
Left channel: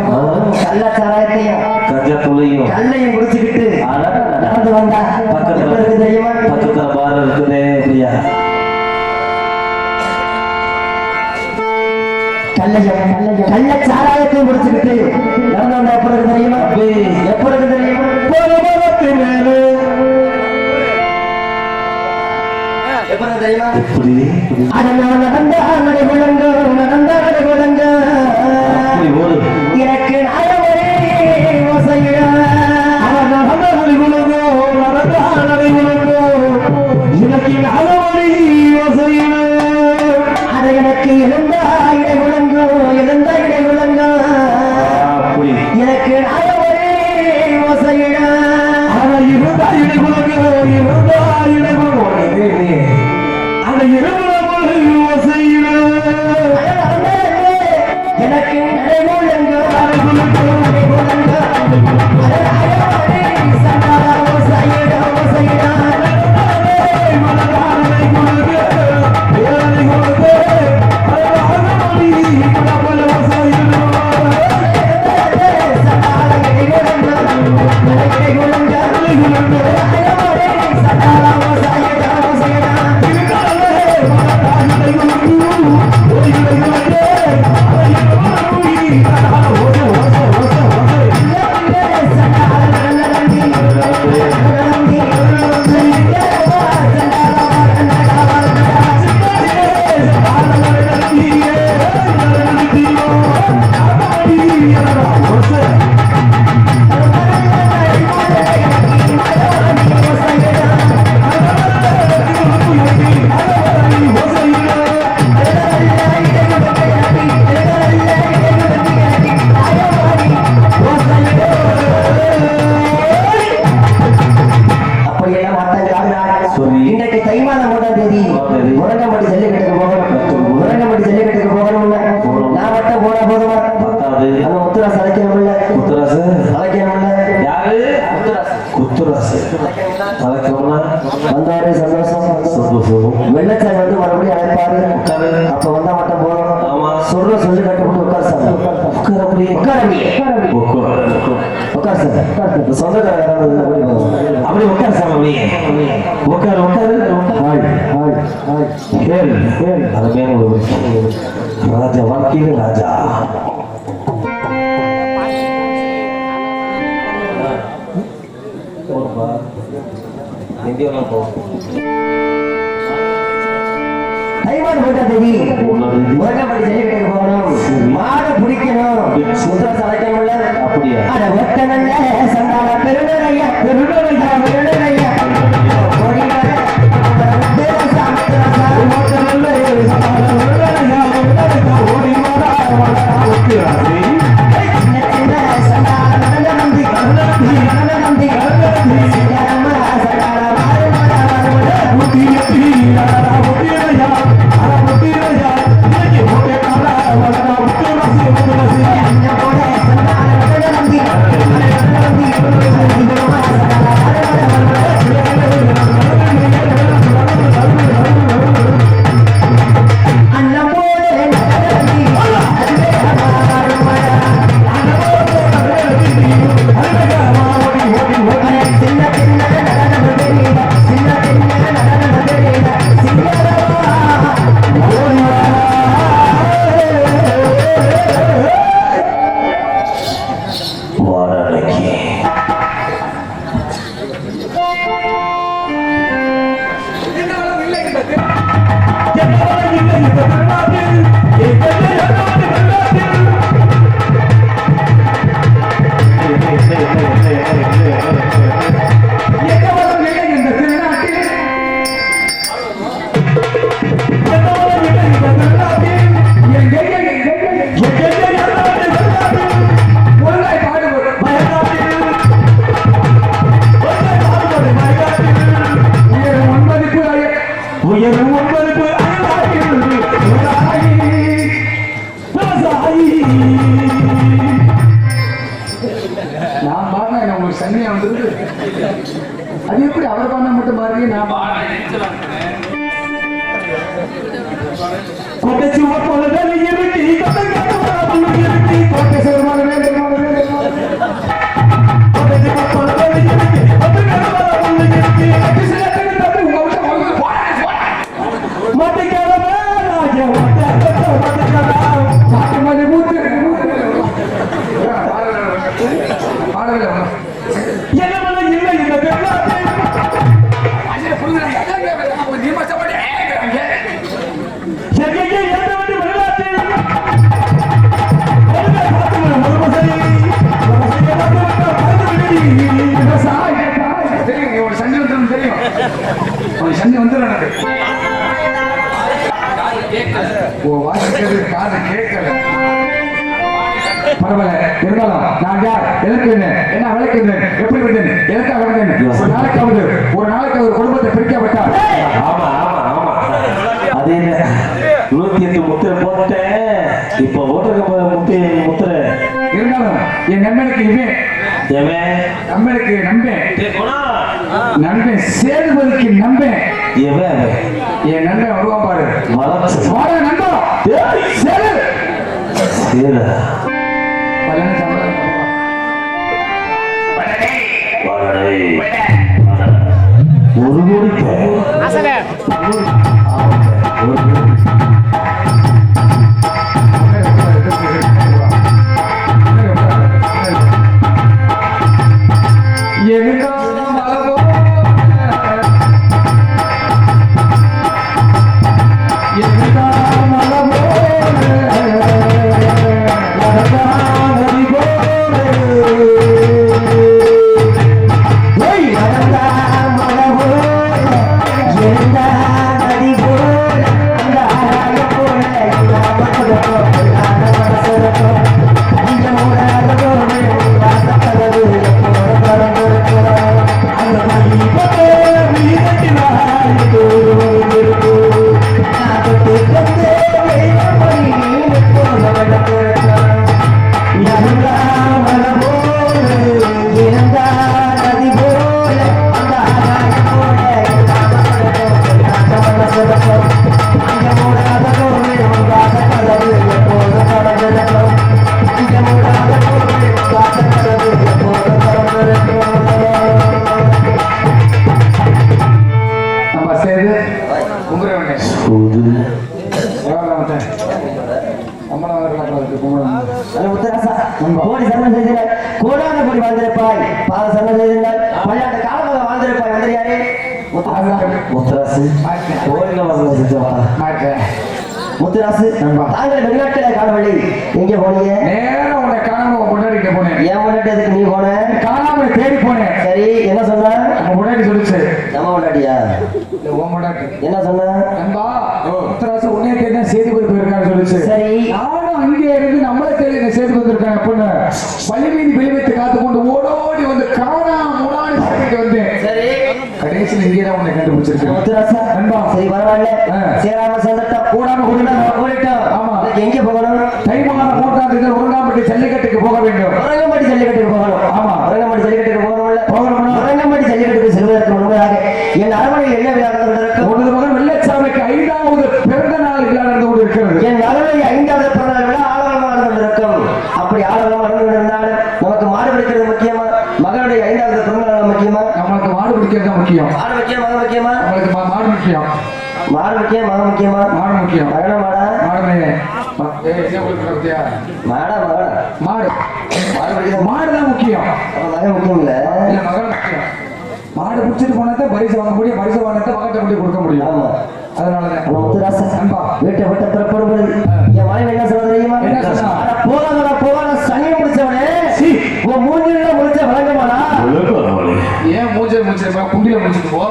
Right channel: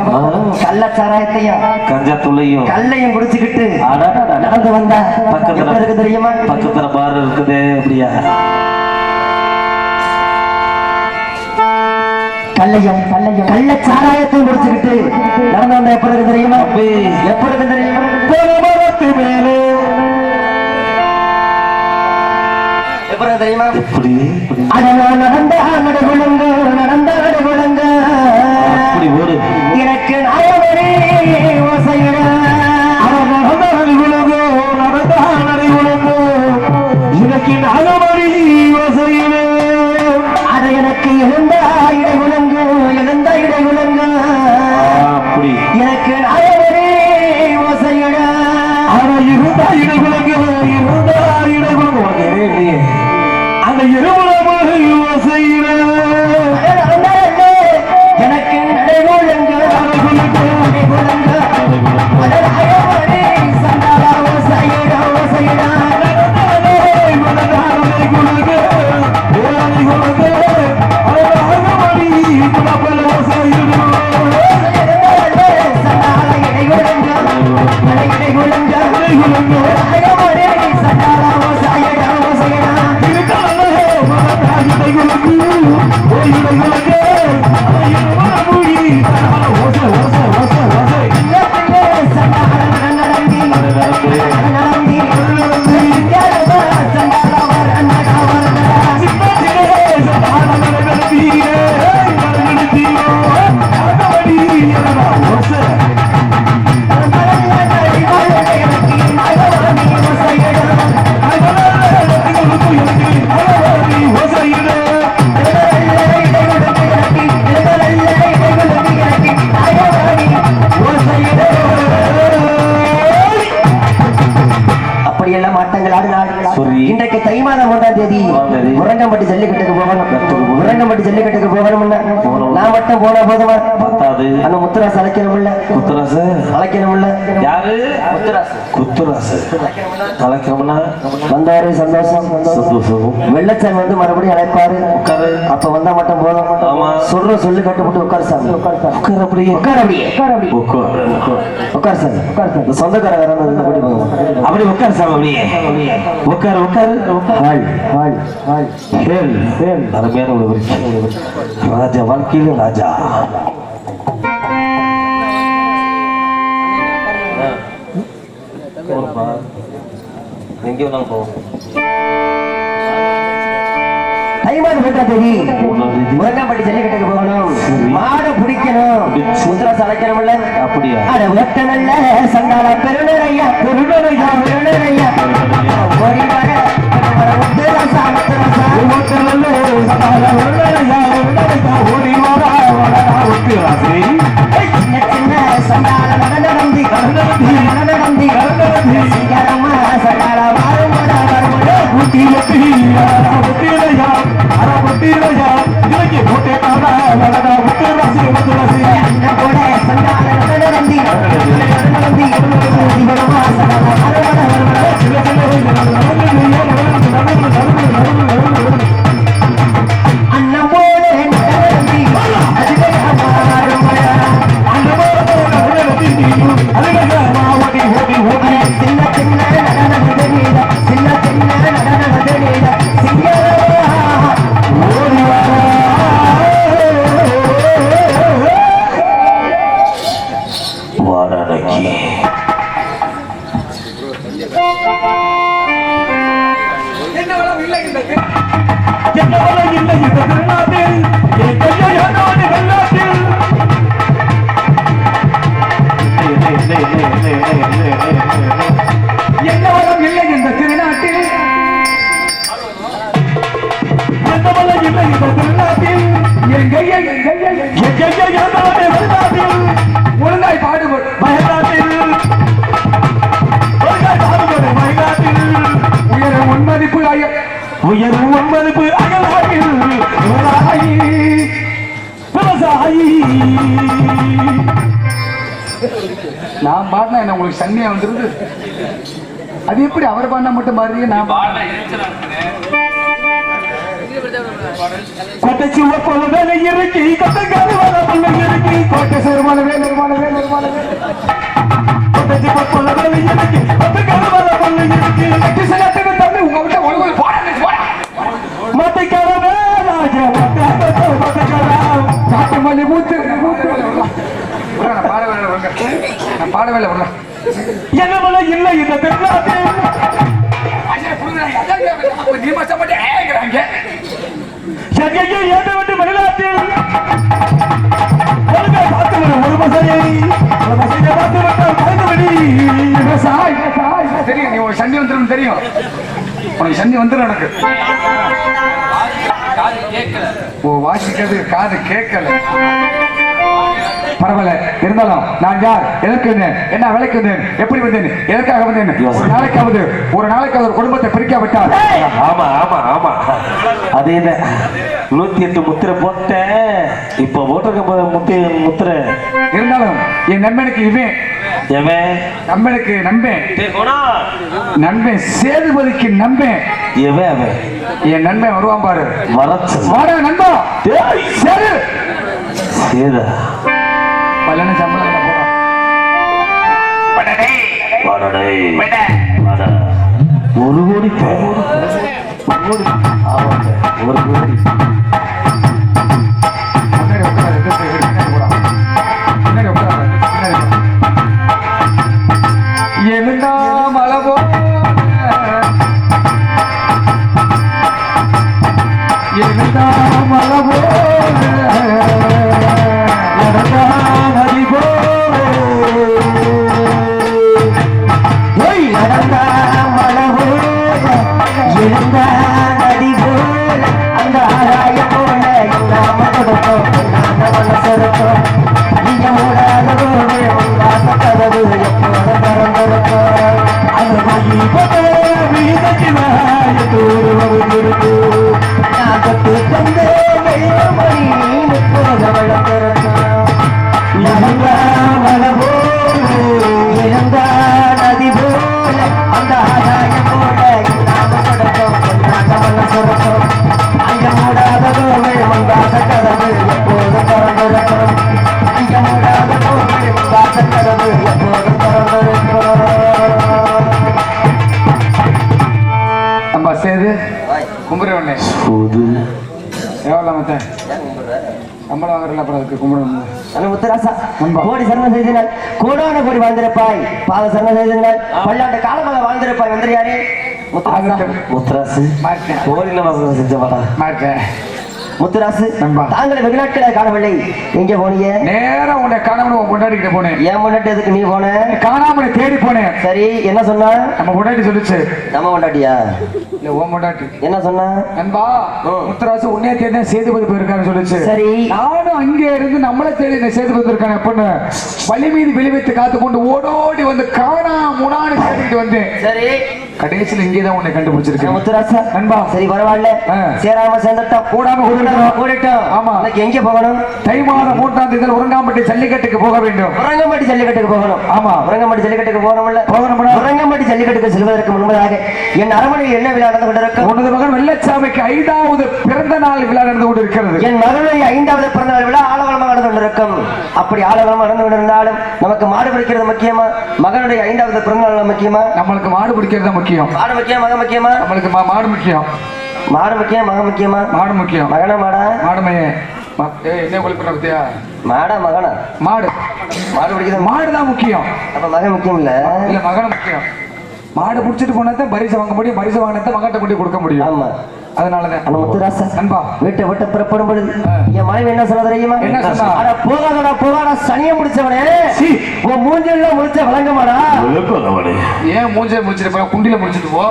கள்ளச்சாராயத்தையும் கஞ்சத்துள்ளையும் கல்லையும் குடிச்சுக்கிட்டு நடந்து வந்தா பக்கத்துல இருக்கு தெரியுமா பக்கத்துல பாரு இருக்குதே அப்படியா கள்ளச்சாராயத்தையும் குடிச்சுக்கிட்டு நடந்து வந்தா எப்ப இருக்கு தெரியுமா எப்ப இருக்கு தெரியுமா எப்ப இருக்கு தெரியுமா எப்படி அதனால் நடந்த நடைகுழுங்க நடந்த நடைகுழுங்க எனக்கு நாயவரே ஓசையிட அவர் நடந்த நடைகுழுங்க நடந்த நடைகுழுங்க எனக்கு நாயவரே ஓசையிட அது எனக்கு எழுந்த இடைகுழுங்க எழுந்த இடைகுழுங்க எனக்கு நாயவரே ஓசையிட அவர் இருந்த இடைகுழுங்க இருந்த இடைகுழுங்க அந்த இருமுறை ஓசையிட எனக்கு நடைகுழுங்க ஆட்டங்கள் ஆடினார். சரி. இன்றைக்கு தை மாதம் 1ஆம் தேதி முரங்கம்பட்டி ஜல்லிக்கட்டுக்கு போகணும். முரங்கம்பட்டி ஜல்லிக்கட்டுக்கு போகணும்னா நான் மட்டும் போனா போதுமா? பத்தாது. அந்த முத்துராசு அழைக்கணும்ல. முத்துராசு அழைக்கணும்ல. யாரு? முத்துராசு. குத்துராசு அழைக்கணும்னா வந்தாரு சந்தோஷம். சந்தோஷம். வெள்ளச்சாமி வந்து மறுபடியும் அழைப்பாரு. உட்காரு. அப்ப வந்தா மட்டும் போதும். ஆமா. சொல்ற சொல்லி கட்டுப்பட்டு உட்கார் சாமி. உட்கார் அப்படியே. உட்கார் அப்படியே. உட்கார். உட்கார் சார். இந்த சொந்தக்காரங்க அப்படி உட்கார் சாமி அப்படியே. உட்கார் உட்காரு. Hi hi hi. Hale Hale. அருமையான ஒரு ராஜா வாழ்க்கையில ராஜா. எங்கே வேணாலும் போவோம். தை மாதம் 1ஆம் தேதி முரங்கம்பட்டி ஜல்லிக்கட்டுக்கு போகணும். மாடு பிடிக்கணும். முத்துராசு அழைக்கணும்ல. அப்படியா? அட ஒட்டனல்ல சண்டால பெருநரையா பெருநரையா பெருநரையா ஓடி வர முத்துராசா முத்துராசா ஒட்டனல்ல சண்டால பெருநரையா பெருநரையா ஓடி வர முத்துராசு. சின்ன சின்ன சண்டால நடன நம்பி நடன நம்பி சிங்கரம்மா சண்டால மாறுமோட வருமோட முத்திரையா முத்திரையா அர முத்திரையா இன்னைக்கு முட்டை காண வளர முத்துராசு முத்துராசு. என்ன போல சண்டால நடன நம்பி நடன நம்பி சிங்கரம்மா சண்டால மாறுமோட அண்ணன் போல நடன நம்பி அதுவே மாறுமோட சின்ன சின்ன நடன மதுரீட சின்ன சின்ன நடன மதுரீட சிங்கரம்மா ஓடி வா. வாடகைக்கு உயரும் ஒன்பதுக்கு அகலாயில் விவசாயி. நான் பாடினா என்ன உங்களுக்கு சன்னியா வந்துருது? அது எப்படி அவர் பாடினா மட்டும் பாடுறீங்க? நான் கொட்டை சுவ போல வேலை இருக்கு கொட்டை காடு வர பண்ண இருக்கு கோட்டை சேர்மான வேலை கொட்டை சுவ போல வேலை இருக்கு கொட்டை காடு வர பண்ண இருக்கு கட்டி செய்யாத தம்பி உங்க விட்ட உங்க போடா மாட்டிக்காரவே ராஜா காட்டு மல்லி மூத்து பாடவில்லை என்ன மலை இல்லை இந்த தென்னாட்டு எங்கேயே ஏற்ற வேண்டிய மனிதாட்டில் ஒரு பசையை பார்த்து விட்டால் பாய்ந்து விடி. தெரியும் நீ ஒரு சண்டை வந்துடும் தெரியும். உனக்கு சண்டை வந்துடும் எனக்கு. ஓ வாசிக்கிறது காது கேட்கல. பரவாயில்ல இருந்தாலும் நான் யார் எதற்கு என்ன விலைக்கு வந்தேன் எப்படி வந்தேன் எதற்காக வந்தேன் ஒரு நாளைக்கு ஒரு குடும்பத்தை பிரிக்காவிட்டால் ஆமா ஆமா ஆமா அது என்ன 108 முத்திரை போட்ட இப்ப போட்டிருக்க முத்திரை இருந்தாலும் என் நண்பனுக்கு இவன் நண்பனுக்கு நண்பன் சேதுபதிக்கு நண்பன் என் நண்பன் வருவான் பாரு வாடா நண்பா சேது பலன சம்பளம் ஒரு கோடி கோடி சரணம் செய்தனால் கோடான கோடி வாழ்ந்திருப்பாய். பாத சரணம் செய்தனால் பல்லாண்டு காலமாக வாழ்ந்திருப்பாய். வந்து யாரே முத்துராசு கோடில வாசல் செஞ்சவாடா முத்துராசு. தாங்களை வெளிநாட்டுல காணவில்லை, எங்க போனீங்க? நேரம் உன்னை காணாம கொண்டாடிக்கிட்ட போனேன். ஏன் முன்னாடி எதுக்கு நீ போன? காணாம தேடி போனேன். சரி, என்ன சொன்னா? நம்ம முன்னாடி சொல்லிச்சு. நம்ம முன்னாடியா? இல்ல உன் முன்னாடி. என்ன சொன்னா? நண்பா முத்துராசு உன்னே தேடி சேதுபதி போயிருக்காரு சொல்லிச்சு. சரி, நானும் அங்கே இருந்து நம்மளை தேடி இந்த சேதுபதி இருக்கான பொண்ணு வழி மீது வெளிவைத்து காத்து கொண்டு ஓடோடி வந்து காணா முன்னாடி தேடிட்டு வந்தேன். சரி, கடைசியில் இங்கேதான் உன்னை கண்டுபிடிச்சிருக்கேன் முத்துராசா. நண்பா சரி, பரவாயில்ல. சேராம சேர்ந்துட்டோம், கூடாம கூடிட்டோம். ஆமா, எங்க போகணும்? தை மாதம் 3ஆம் தேதி உரங்காம்பட்டி ஜல்லிக்கட்டுக்கு போக வேண்டும். உரங்கம்பட்டி ஜல்லிக்கட்டுக்கு போகணும். ஆமா, உரங்கம்பட்டி ஜல்லிக்கட்டுக்கு போகணும்ல. போகணும்னா உரங்கம்பட்டி ஜல்லிக்கட்டுக்கு செல்வதற்கு முன்பதாக என் அரண்மனையில் என்ன விழா நடந்து கொண்டிருக்கும்? உனது மகன் வெள்ளச்சாமிக்கு 5வது பிறந்த நாள் விழா நடந்து கொண்டிருக்கிறது. என் மகனுடைய 5வது பிறந்த நாள் விழா ஆலவரமாக நடந்து கொண்டிருக்கும். அப்படி ஆலவரமாக நடந்து கொண்டிருந்தாலும் நமக்கு மாடு பிடிக்கிறது முக்கியமா, மகனுடைய 5வது பிறந்த நாள் முக்கியமா? நம்மளுக்கு மாடு பிடிக்கிறது தான் முக்கியம். மாடு முக்கியம், மகன் முக்கியமா? நம்மளுக்கு மாடு முக்கியம். மாடு முக்கியம், மகன் முக்கியமா? மாடு முக்கியம். மகனா மாடா? மாடுமே. என்ன உங்களுக்கு பத்தியா? மாடா மகனா? மாடு. மாடு பிடிக்கிறது மாடு தான் முக்கியம். அப்ப மகன் முக்கியம் இல்ல? இல்ல, மகன் முக்கியம். மாடு பிடிச்சிட்டு போனாதான் பரிசு வாங்க முடியும். பரிசு வாங்கினதை மகட்ட கொண்டு கொடுக்க முடியும். ஆமா, அதனாலதான் முத்துராசா அன்பா வீட்டை விட்டு புறப்படும் பொழுது என் மனைவி என்ன சொல்ல தெரியுமா? என்ன சொன்னா? போகாத சனியை முடிச்சவனே, உன் மூஞ்சில முடிச்ச வழங்கமாடா. ஏன் மூஞ்ச முடிச்சிட்டு குண்டில முடிச்சிட்டு போ.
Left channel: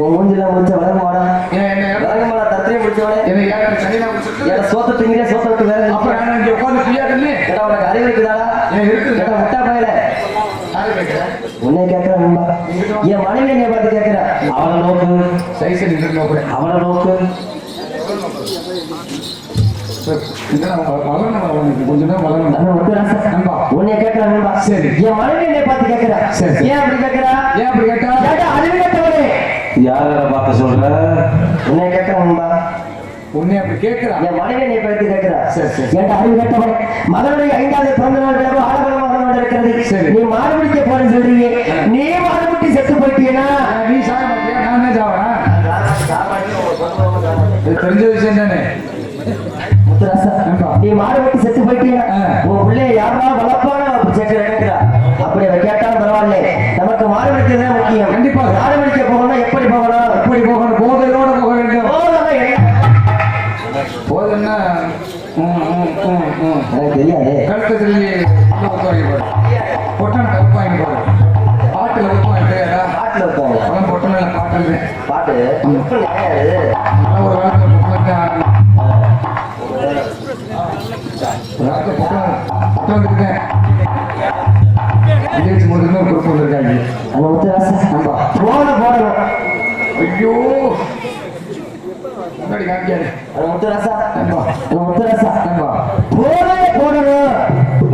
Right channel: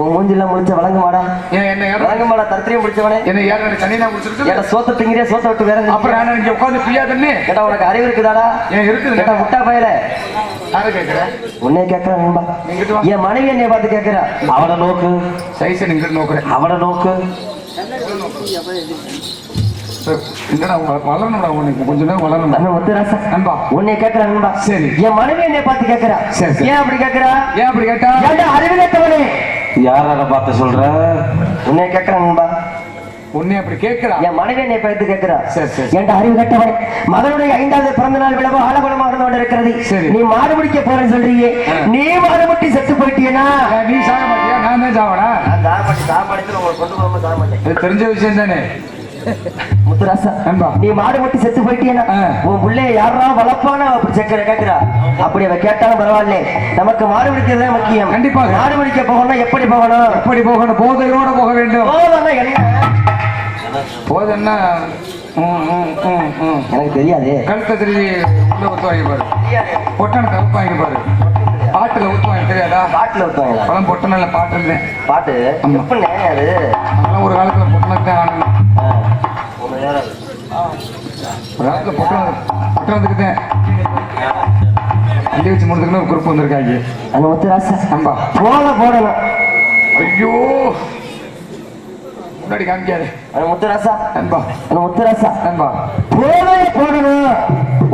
உன் மூஞ்சில முடிச்ச வழங்கமாடா. ஏன் என்ன வழங்கமாடா? தத்திரியம் முடிச்சவனே, என்ன ஏன் சனினா முடிச்சிட்டு என்ன சோத்த திங்கிறியா? சோத்த விட்டு வேற அப்புறம் நான் இங்க உட்கார்ந்து ஃப்ரீயா தண்ணி கேட்டா உனக்கு அறிவு இருக்குதாடா? ஏன் இருக்குது கேட்டா முட்டா பயல. யாரு கேக்குற? உன்னை கேட்கிறேன். என் மனைவி என்னைய பார்த்து கேட்கிறா. அவனை நோக்கு, சைஸ் நீங்க நோக்குறேன். அவனை நோக்கு. வளரணும், கொஞ்ச நேரம் வளரணும். நம்ம முத்துராசா நண்பா உன்னை கேட்கிறேன் நண்பா. சரி, என் மனைவி என்னைய பார்த்து கேட்கிறா. சரி, ஏன் அப்படி கேட்கிறா? ஏன் அப்படி கேட்டா? ஏன்டா அறிவு கேட்டவனே? யார பார்த்து சொல்ற? உன்னை கேட்கிறேன் நண்பா. உன்னை அப்படி கேட்கிறா? என் மனைவி என்னை பார்த்து கேட்கிறா. சரி, சரி. ஏன்டா அறிவு கேட்டவனே? மகனுடைய 5வது பிறந்த நாள் விழாவோ ஆலவரமாக கொண்டிருக்கிறது. சரி, நீ மாடு பிடிக்க போறேன்னு சொல்றீங்க, நீ மாடு பிடி செத்து போயிட்டீனா? நீ சாக மாட்டியா? நான் தான் சாவனா? இது தெரிஞ்ச விஷயம் தானே முத்துராசா. நண்பா நீ மாடு வெட்டி செத்து போயிட்டீனா உன் பிள்ளைய யாரா வளர்ப்பான கேட்கிறா. அப்படி அவ கேட்டாலும் பரவாயில்ல, நமக்கு மாடு பிடிக்கிறது தான் முக்கியம். கண்டிப்பாக மாடு பிடிக்க போகணும்னா எப்படி போகணும்? எப்படி போகணும்? போதையோட போக வேண்டும். போதன்னா எனக்கு தெரியாது. கழுத்தை திரும்பி ஊத்து வாங்கி பாரு, பொட்டனை கருப்பு வாங்கி பாரு, பாட்டுல ஊத்து வாங்கி தெரியாதா? பாட்டுல ஊத்துவாங்க. பழம் பொட்டனில் பாட்டு இருந்தேன். பாட்டு எப்ப நேரம் ஒரு காலத்துல பொட்டனுக்கு ஆடணும். ஒரு காலத்துல பொட்டன் வந்துருக்கேன். இங்கே வச்சு முடிஞ்சுக்கணும் குறுப்பு வந்திருக்காங்க. அந்த முத்துராசா நம்பா போடணும். ஐயோ முன்னாடி காமிக்காது. அந்த முத்துராசா நண்பா, அந்த முத்துராசா நண்பா போடணும்.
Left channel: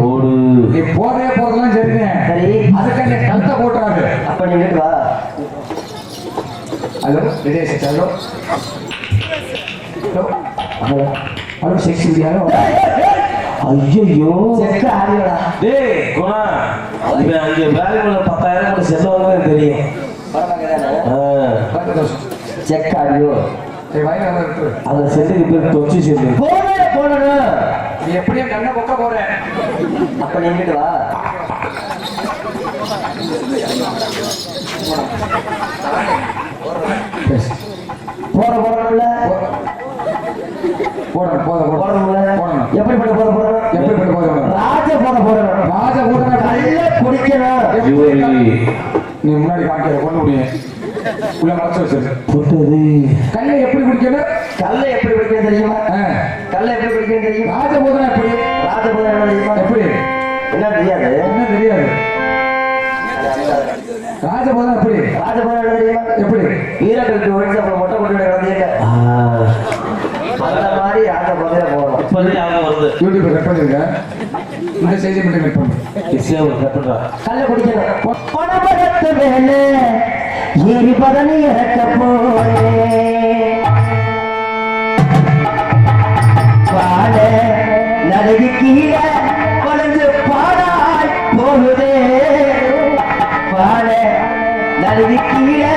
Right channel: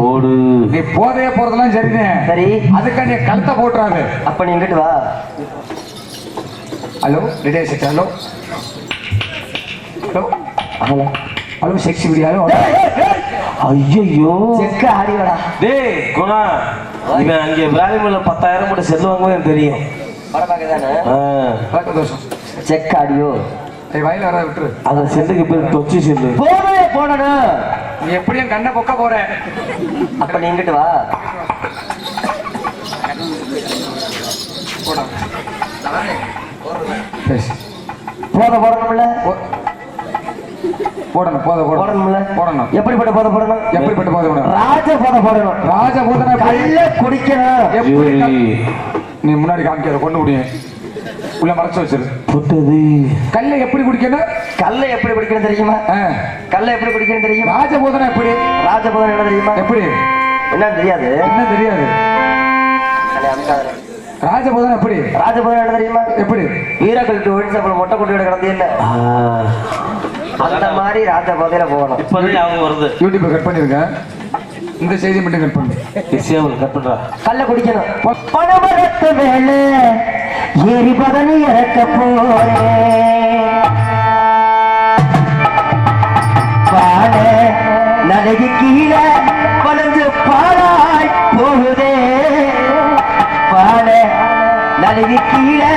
ஓடு. நீ போதைய போறதெல்லாம் சரிதான். சரி, அதுக்காக நீ கழுத்தை போட்டுறாரு. அப்ப நீ இங்கிட்டு வா. ஹலோ விஜய் சிட். Hello hello hello hello sex video. ஐயோ செக்க ஆடியோடா. டேய் குணா, இவன் அங்கே வேலைக்குள்ள 10,000 கூட செல்லு வாங்கவே எனக்கு தெரியும். படம் பார்க்கதானே? பத்து தோஷம் செக்க ஆடியோ. வயல வர விட்டுரு. அந்த செல்லுக்கு பேர் தொச்சி செல்லு. போடணும். நீ எப்படியும் கண்ணை பொக்க போற. அப்ப நீ இங்கிட்டு வா. போடணும்ல. போடணும் போடணும்ல. போடணும். எப்படிப்பட்ட போத போடணும்? எப்படிப்பட்ட போதை போடணும்? ராஜ போடணும். ராஜ போதனை கல்ல குடிக்கணும். எப்படி நீ முன்னாடி காமிக்கிற கொண்டு முடியும் உள்ள மறைச்சு வச்சிரு. புட்டது கல்ல எப்படி குடிக்கணும்? கல்ல எப்படி குடிக்கணும் தெரியுமா? கல்ல எப்படி குடிக்கணும் தெரியுமா? ராஜ போதனை எப்படி? ராஜ போதனை என்ன தெரியுமா? எப்படி? என்ன தெரியாது? என்ன தெரியாது? ராஜ போதனை எப்படி? ராஜ போதனை என்ன தெரியுமா? எப்படி? வீரர்களுக்கு ஒழிச்சு அப்புறம் மொட்டை கொண்டு கிடந்தே இல்லை. அந்த மாதிரி ராஜ போதையில போகணும். இப்போதைக்கு அவங்க வருது. யூடியூப்ல கட் பண்ணிருங்க. இந்த செய்தி மட்டும் கட் பண்ணு. ஈஸியா ஒரு கட் பண்றா. கல்ல குடிக்கணும். பணமரத்து மேல ஏறி பதனி இறக்க போனே பாட நடுகு கீழே வளைஞ்சு பாடாய் போகுதே. பாட நடுகு கீழே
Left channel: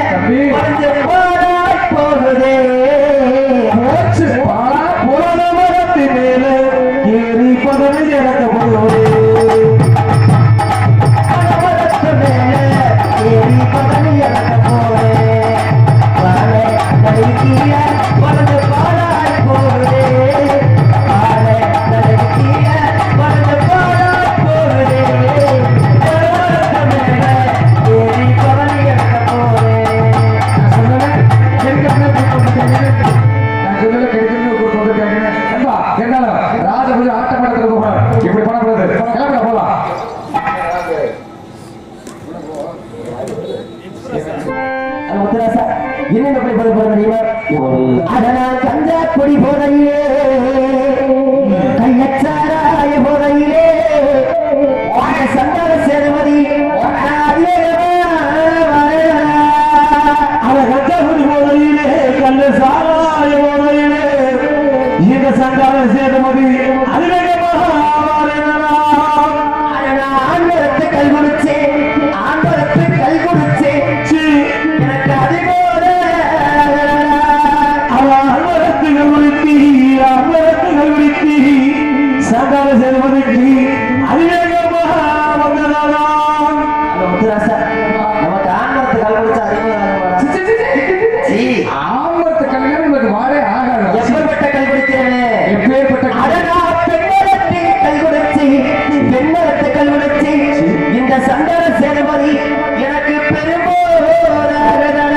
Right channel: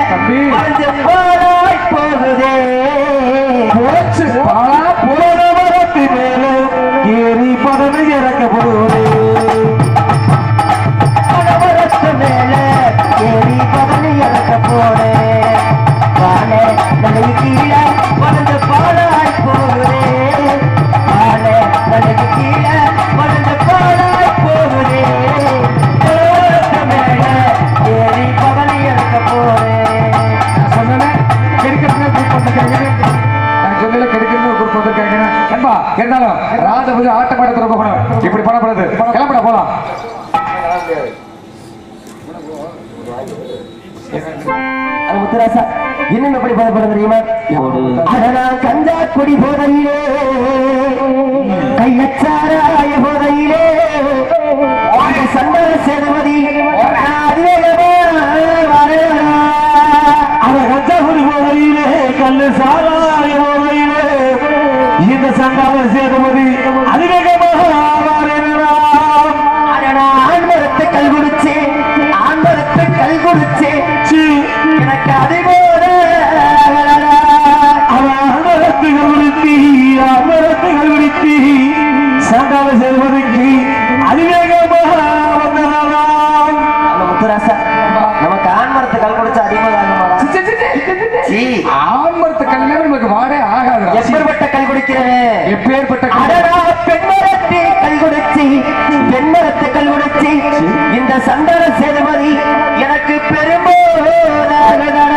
வளைஞ்சு பாடாய் போகுதே. பணமரத்து மேல ஏறி பதனி இறக்க அது முத்துராசா இன்னும் எப்படி பதில் தெரியுமா? அதனால் கஞ்சா குடி போதையிலே கையச்சாராய போதையிலே சந்தான சேதுபதி கல்லு சாராய போதையிலே இந்த சந்தான சேதுபதி அதிவேகமாக ஆண்மரத்து கல் கொடுச்சே ஆண்மரத்து கல் கொடுச்சே எனக்கு அதிபோல அமரத்துகள் விருத்தி சந்தான சேதுபதிக்கு அதிவேகமாக வந்ததாம். முத்துராசா நமக்கு ஆண்மரத்து கல் கொடுச்சா அதிபோல ஆமரத்து கல்யாணம் நமக்கு வாடே ஆகாது. எப்பேற்பட்ட கல் குடிக்கிறவன் எப்பேற்பட்ட அடடா பெண்மரத்தை கல் கொடுச்சி பெண்மரத்தை கல் கொடுச்சி இந்த சந்தான சேதுபதி எனக்கு பெரும்போதாகடா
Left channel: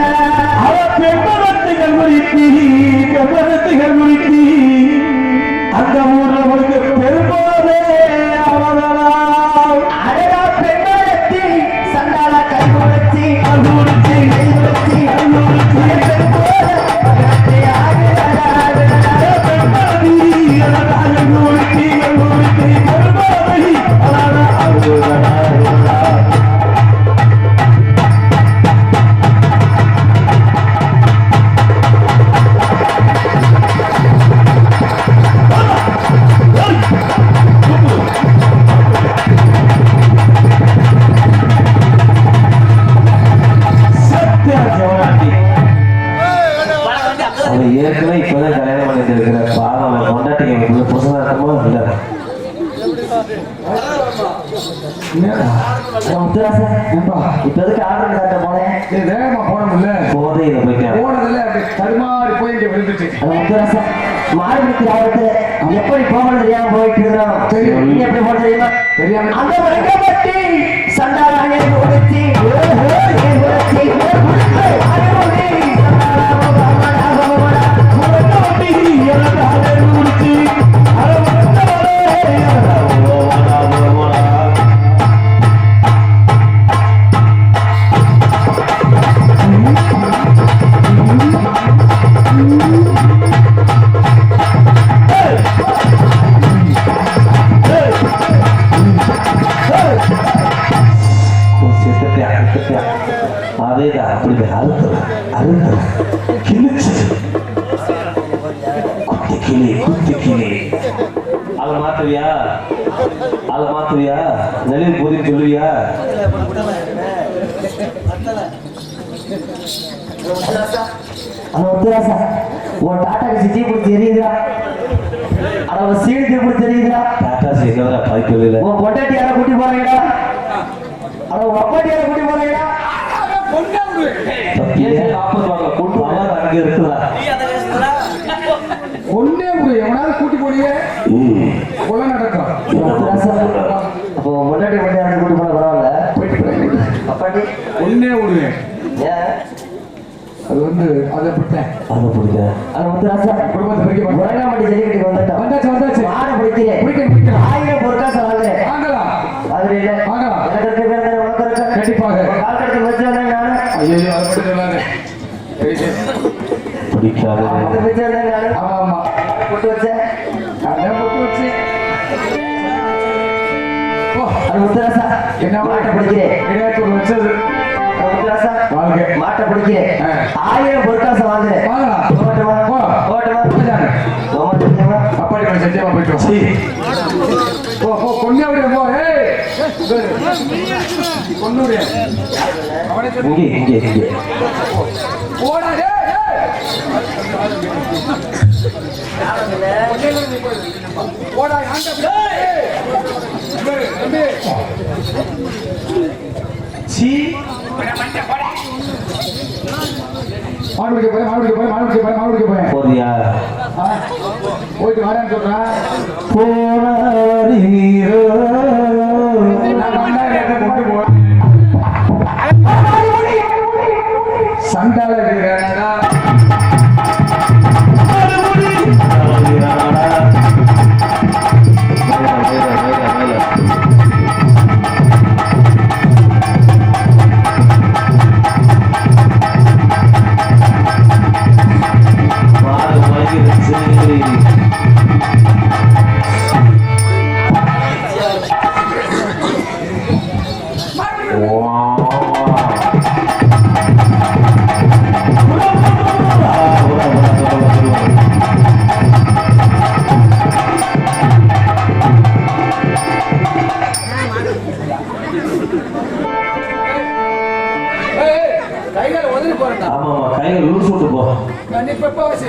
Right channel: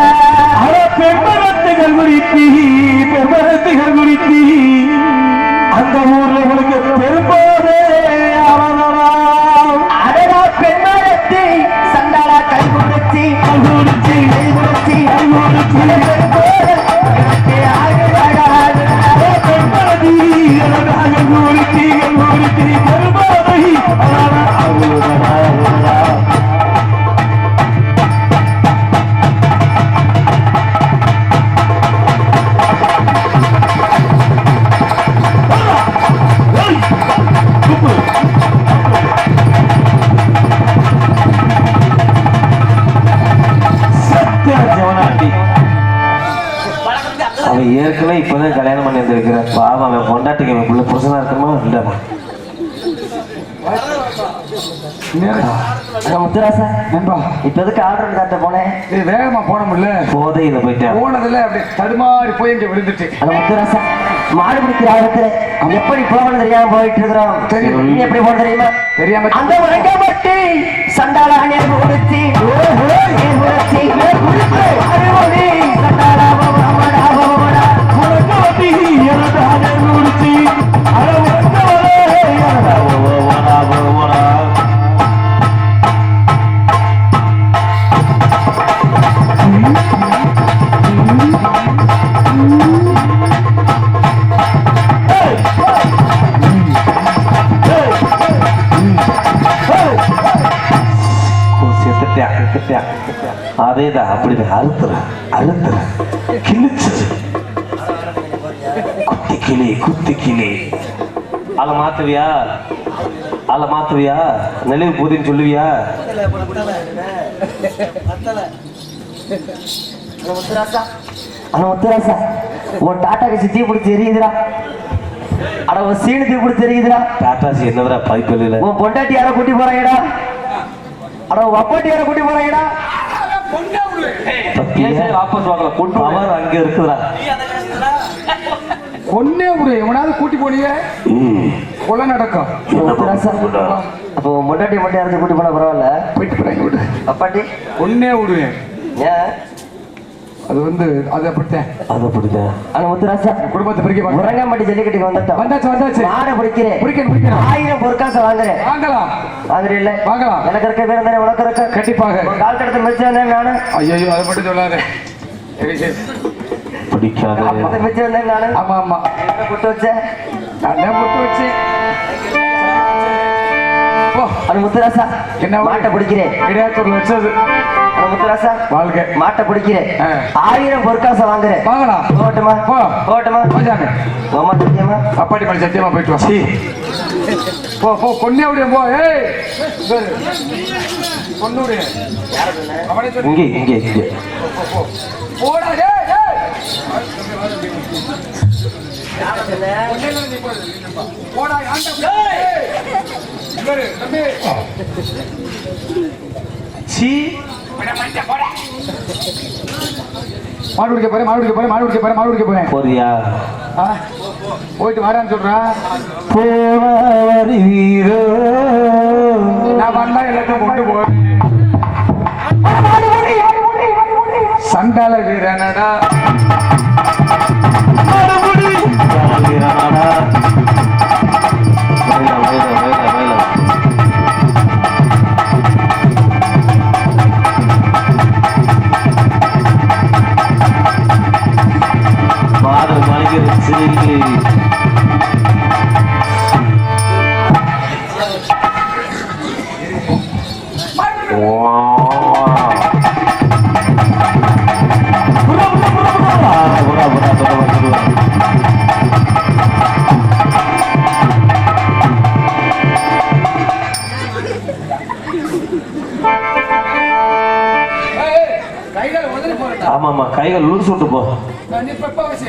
பெண்மரத்துகள் குறித்தி அந்த ஊர்ல உங்களுக்கு பெரும்போதே அவதலாம். அடடா பெண்மரத்தை சந்தான கல் கொடுச்சி கல் கொடுச்சி அவன் ஏற்கனவே இப்பதான் கல்யாணம் பண்ணி இருக்கிறார். பாவம் அவன் பொண்டாட்டிக்கு அவனுக்குள்ள புருஷனா இருக்கமா இல்ல முத்துராசா நண்பா, இப்ப எதுக்கு ஆர்டர் காட்ட போனேன்? நீ வேகமா போனோம்ல, போதையில போயிட்டேன். போனதுல அப்படியே தடுமாறி போய் இங்க விழுந்துச்சு. அந்த முத்துராசா மாடு பிடிக்கிற ஆபத்து எப்படி போகணும் தெரியாம போயிட்டு இருக்கிறோம். தெரியும். நீ எப்படி போன தெரியுமா? தெரியாம அந்த மரங்கப்பட்டி சண்டாளானே கொடுத்தி அதேதான் அப்படிதான் அழுத்துற கிழிச்சது குத்தி கிளி அல மாத்துவியா நெளிவு போதின்னு சொல்லுவியா? ஆனா முத்துராசா உன் டாட்டாக்கு சித்தி பிடிச்சி எரியுதுடா. அட உன் சீனு தீ பிடிச்சி எரியுதுடா. டாட்டாசி என்னவரா பைப்பு இல்லை. உன் பொண்டாட்டி யார கூட்டி போறாங்கடா. அட உன் அப்பாட்டி யார கூட்டி போறாங்கடா. அங்க இருக்குதா ஒன்னே ஒரு எவனாவது கூட்டி போனீங்க கொலை நடக்கும். அப்போ முன்னாடி மட்டும் யாரும் கூட்டி போனா பரவாயில்ல. போயிட்டு போறாங்க. அப்பாட்டி ஒன்னே விடுவேன். ஏன் அது வந்து அதை அப்படித்தான். ஆனா முத்துராசா குடும்பத்தை பிரிக்க முரங்காம்பட்டி ஜல்லிக்கட்டுக்கு வந்தாச்சு. மாடை பிடிக்கிறேன். 1000 பொருட்காசு வாங்குறேன். வாங்கலாம். வாங்குறேன் இல்ல வாங்கலாம். எனக்கு இருக்க பேர் தானே உனக்கு இருக்க. கண்டிப்பாக. கால் கடத்து மிச்சம் வந்தேன் நானு. ஐயோ அதை மட்டும் சொல்லாத. பிடிக்காது. மிச்சம் வந்தேன் நானு. ஆமா புட்டு வச்சேன். புட்டு வச்சு அது முத்துராசா என்ன மாட்டை பிடிக்கிறேன். கிடையாது வச்சது. முத்துராசா வாழ்க. மாட்டை பிடிக்கிறேன். 1000 பொருட்காசு வாங்குறேன். வாங்கலாம். ஓட்டுமா ஓட்டுமா போஜாங்க. சத்தியமா அப்பாடி பண்ணி சத்தியமா போயிட்டு வா. போ பொண்ணே விட போ. ஏய் பொண்ணு விட இங்கே போடா. போடா மாடு போறேன். போறியா? போயிட்டு வரேன்னு சொல்றான். நான் வந்தா எனக்கு கொண்டு போ. சண்டால வீரனடா. கைகால உதறி போறேன். ஆமா ஆமா கைகள் லூஸ் விட்டு போ. நான் இப்ப எப்ப வசி?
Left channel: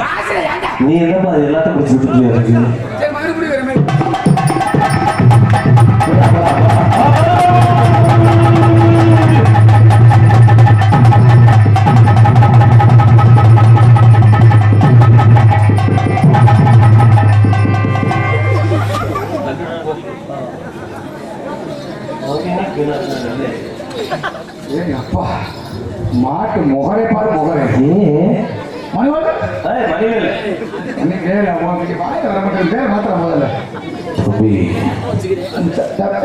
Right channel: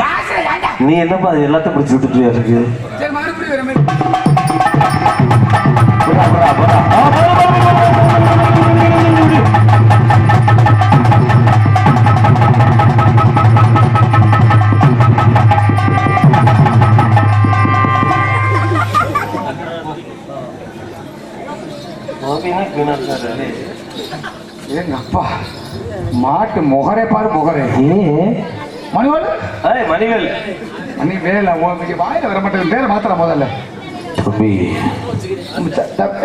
வாசல ஏண்டா? நீ என்னப்பா எல்லாத்தையும் பிடிச்சி விட்டுட்டு இருக்கு? சரி மறுபடியும் வர மாதிரி. ஏய் அப்பா மாட்டு முகரே பாரு முகரே. மணிவேல் மணிவேல் நீ வேலை உனக்கு வாயில வர மாட்டேன். பேரை மாத்திர முதல்ல.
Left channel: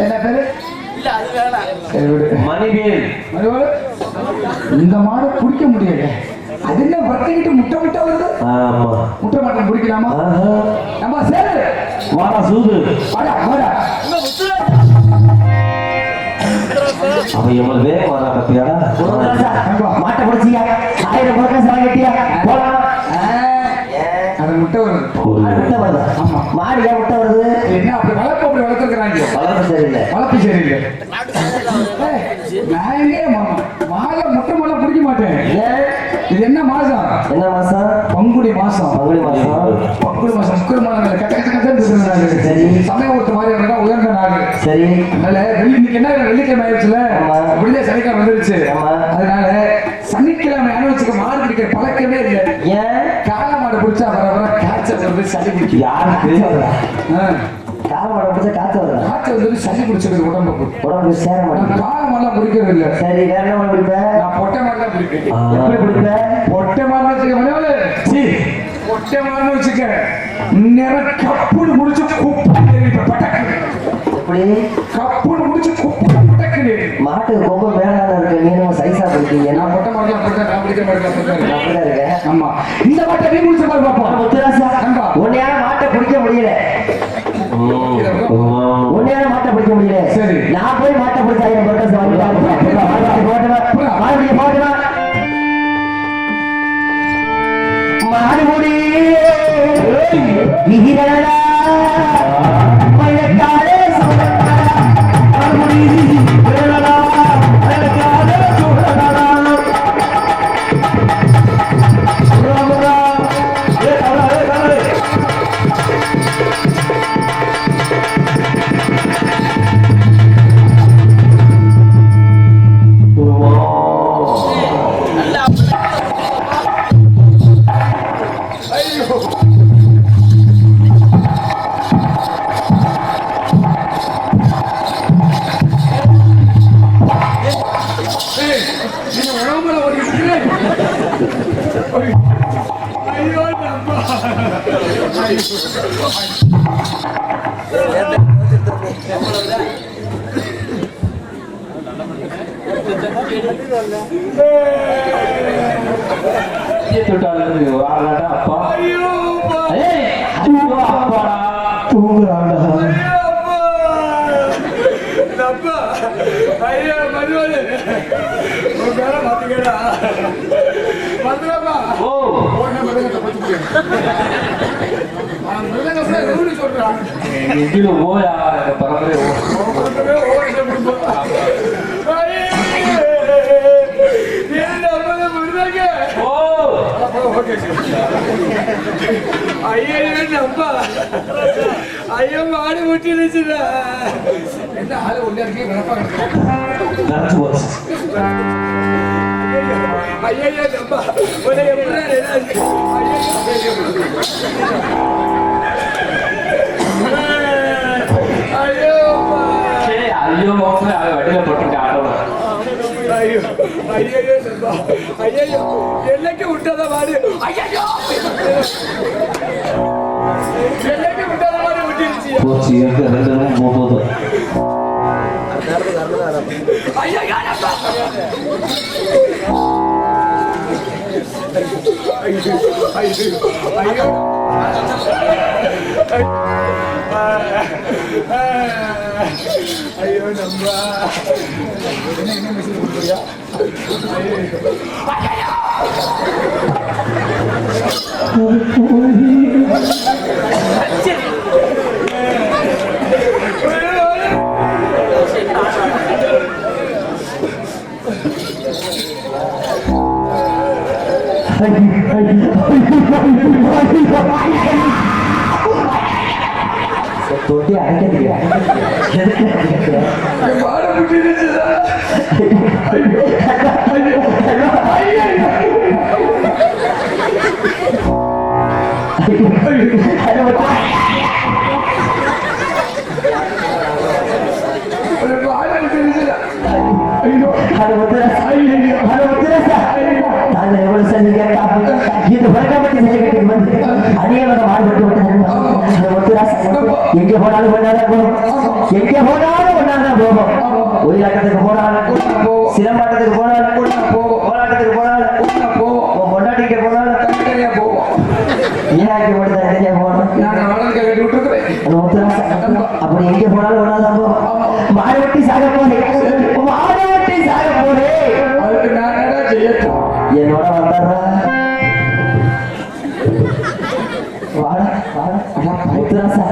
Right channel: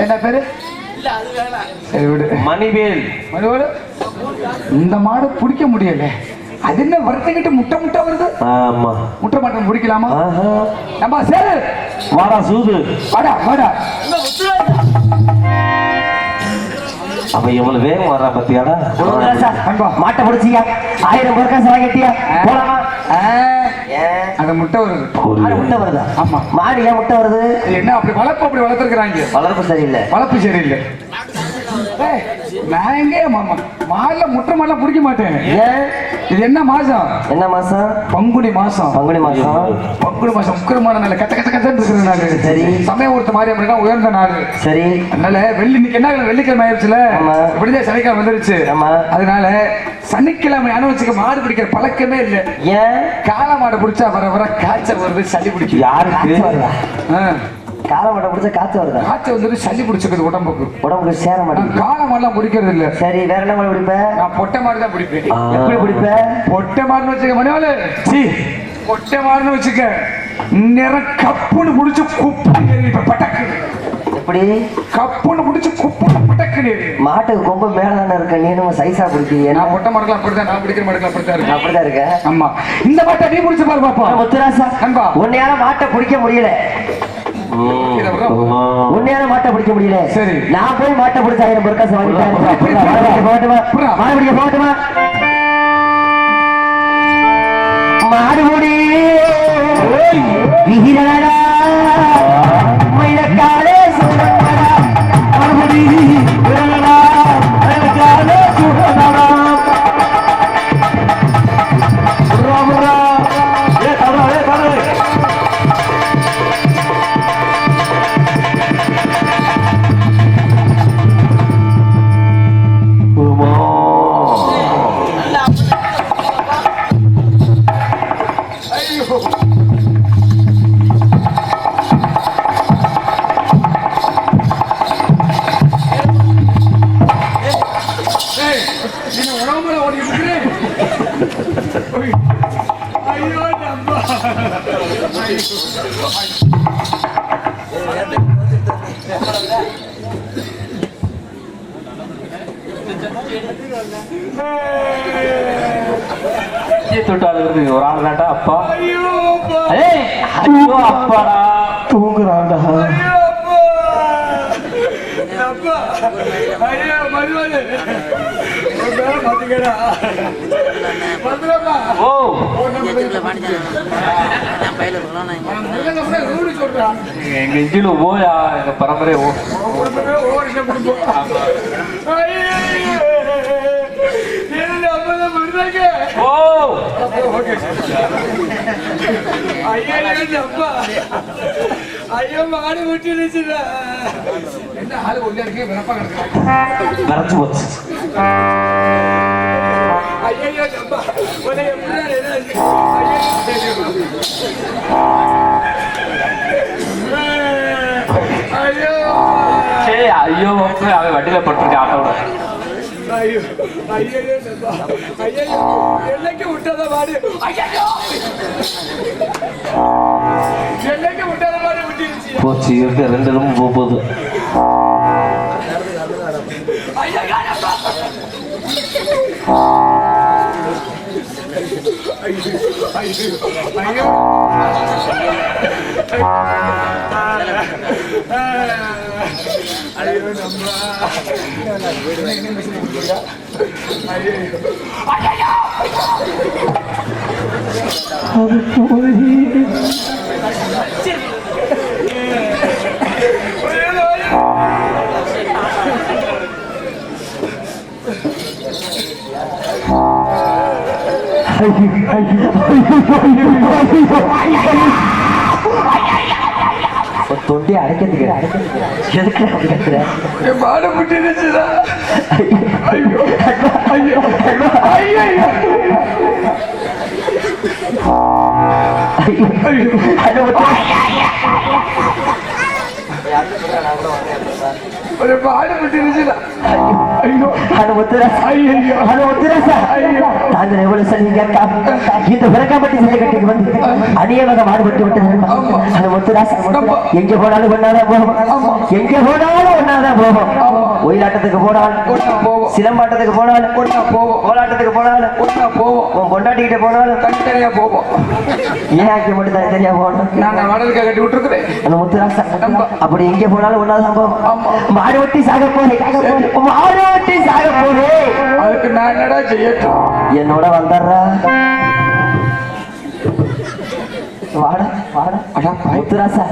என்ன பேரு? சரி விடு. மணிவேல். மணிவேல் இந்த மாடை பிடிக்க முடியல. அது என்ன வறுத்துக்கிட்டு முட்டை முட்டை வருது. ஆமா முட்டை மாட்டம் பிடிக்கலாமா? நம்ம சேரு வாடா சூது. வாடா வாடா. அப்ப எவ்வளவு வேகம் வர்றா பத்தியாடா? மாட்டை பிடிச்சியா 1000 பொருட்காசு வாங்கிட்டியா போலாம். அந்த முட்டை வருது. முட்டை வருதா? ஆமா. மாடு ஏன் முட்டை வருது? என்ன அப்படி வளர்த்துருக்குறாங்க. வளர்ப்பு சரியில்லை. வளர்ப்பு சரியில்லை. நான் எங்கே மாலை முட்டை மாலை பிடிக்க மாட்டேன். இது என்ன மாசம்? என்ன மாசம்? பங்குனி மாசம். பங்குனி மாசம். பங்குனி மாசம் முக்கியமான நாள். கட்ட கட்ட கட்டன்னு இருக்கிற நாள். சரி. சமயம் ஒருத்த மாதிரி உயர்ந்த நாள். சரி. அதனால இன்னைக்கு என்ன வெள்ளிக்கிழமை ஆயிடுச்சுல. இப்படிதான் சனிக்கிழமை வந்துருச்சு. அதனால சனிக்கிழமை அனுவச்சுக்க மாடு பிடிக்கிற பழக்கமே இல்லை. ஏன்? காளை மாடு பிடிச்சா வர வர காய்ச்சல் வருது, சளி பிடிக்கும். யாருக்கு? காளை மாடை பிடிச்சா காய்ச்சல் வருதா? காய்ச்சல் வந்துட்டு சளி பிடிச்சிருக்குது உடம்புக்கு சேர மாட்டேன். காளை மாடெல்லாம் பிடிக்கிறது இல்லை. சரி வேற என்ன மாடு பிடிப்ப? நான் பொட்டை மாடு தான் பிடிப்பேன். எப்படி பிடிப்ப? பொட்டை மாடுன்னு வச்சுக்க மணிவாளு. பொட்டை மாடுன்னு வச்சுக்க நேரம் கப்புன்னு முடிச்சு குப்பு பட்டக்கு. எப்படி கப்புன்னு முடிச்சு குப்பு பட்டக்கு. மாட்டுக்கு கொம்பு மேலான இருக்க. நீ நம்ம சைஸா பிடிக்கீங்க. நான் பொட்டை மாடுலாம் அப்படித்தான். நான் பிடிக்கிற மாடுலாம் அப்படித்தான். அப்படிதான் இருக்கேன். ஆமா. இந்த மாட்டை நீ முடிச்சு பாரு பாப்பா. முத்துராசா அன்பா உன்னையால மாட்டை பிடிக்க முடியல. உன்னையால மாட்டை பிடிக்க முடியல. சரி. நான் போய் மாட்டை பிடிச்ச 1000 பொருட்காசு வாங்கிட்டேன். போகட்டுமா? மாடுபுடி வீரடா மயிலக்காலே சுடடா. மாடுபுடி வீரடா மயிலக்காலே சுடடா. ராமரா ஏ தாரா ஏ தாரா. தொட்டாலும் ஒரு ஆளாட்டா அப்பா. அப்பாடா தூங்குறாடா. ஐயா மதுவாளு மாத்திக்கடா. ஓ எங்க இஞ்சில போயா எங்க பரம்பரை ஐயோ மாடு விட்டுருச்சுடா. என்ன ஆளு உள்ள இருக்கு விளப்பா கரைச்சு போச்சு. ஐயோ நம்பா உன்னை எப்படி ஐயோ சரி ஐயோ அவன் வண்டியில போட்டிருக்கேன் ஆட்டோட. ஐயோ ஐயோ நம்பா ஐயோ என்னைக்கு விட்டத மாடு. ஐயோ என்னைக்கு விட்டத மாடு விட்டுருச்சு. போச்சு இருக்க 2 ரூம் போகுது. ஐயோ நம்பா ஐயோ ஐயோ ஐயோ ஐயோ நம்பா என்ன மெசேஜ் கொடுக்குறியா? ஐயோ ஐயோ அது போய் தொட்டி அடைக்கிறதுக்கு எதுக்கு அடைக்கிறேன் மாட முட்டிடுச்சுடா. ஐயோ ஐயோ ஐயோ ஒரு மாட முட்டிடுச்சுடா. ஐயோ அது முத்துராசா ஐயோ அது முத்துராசா தாங்கள் எவ்வளவு சொன்னீங்க இந்த பிறக்கப்பட்டி சட்டக்கட்டுக்கு வந்து அடியவங்க மாறுபட்டு விட்டது அது முத்துராசா எங்க போனாலும் ஒன்னாதான் போகும் எங்க போனாலும் ஒன்னாதான் போகும் ஒயிலாட்டத்துக்கு போனாலும் சிலம்பாட்டத்துக்கு போனாலும் கோலாட்டத்துக்கு போனாலும் உன் பொண்டாட்டிக்கிட்ட போனாலும் தனித்தனியா போவோம். ஏன் ஆக்கி மட்டும் தனித்தனியா போகணும் நான் வடலுக்கு கட்டி விட்டுருக்கிறேன். அந்த முத்துராசா அப்படி எங்க போனாலும் ஒன்னாதான் போகும் மாறுவட்டி சாக போறேன் மாறுவட்டி சாக போறேன் அதுக்கு நான் என்னடா செய்யட்டும்? என்னோட வந்தாரா வாடா வாடா அடா முத்துராசா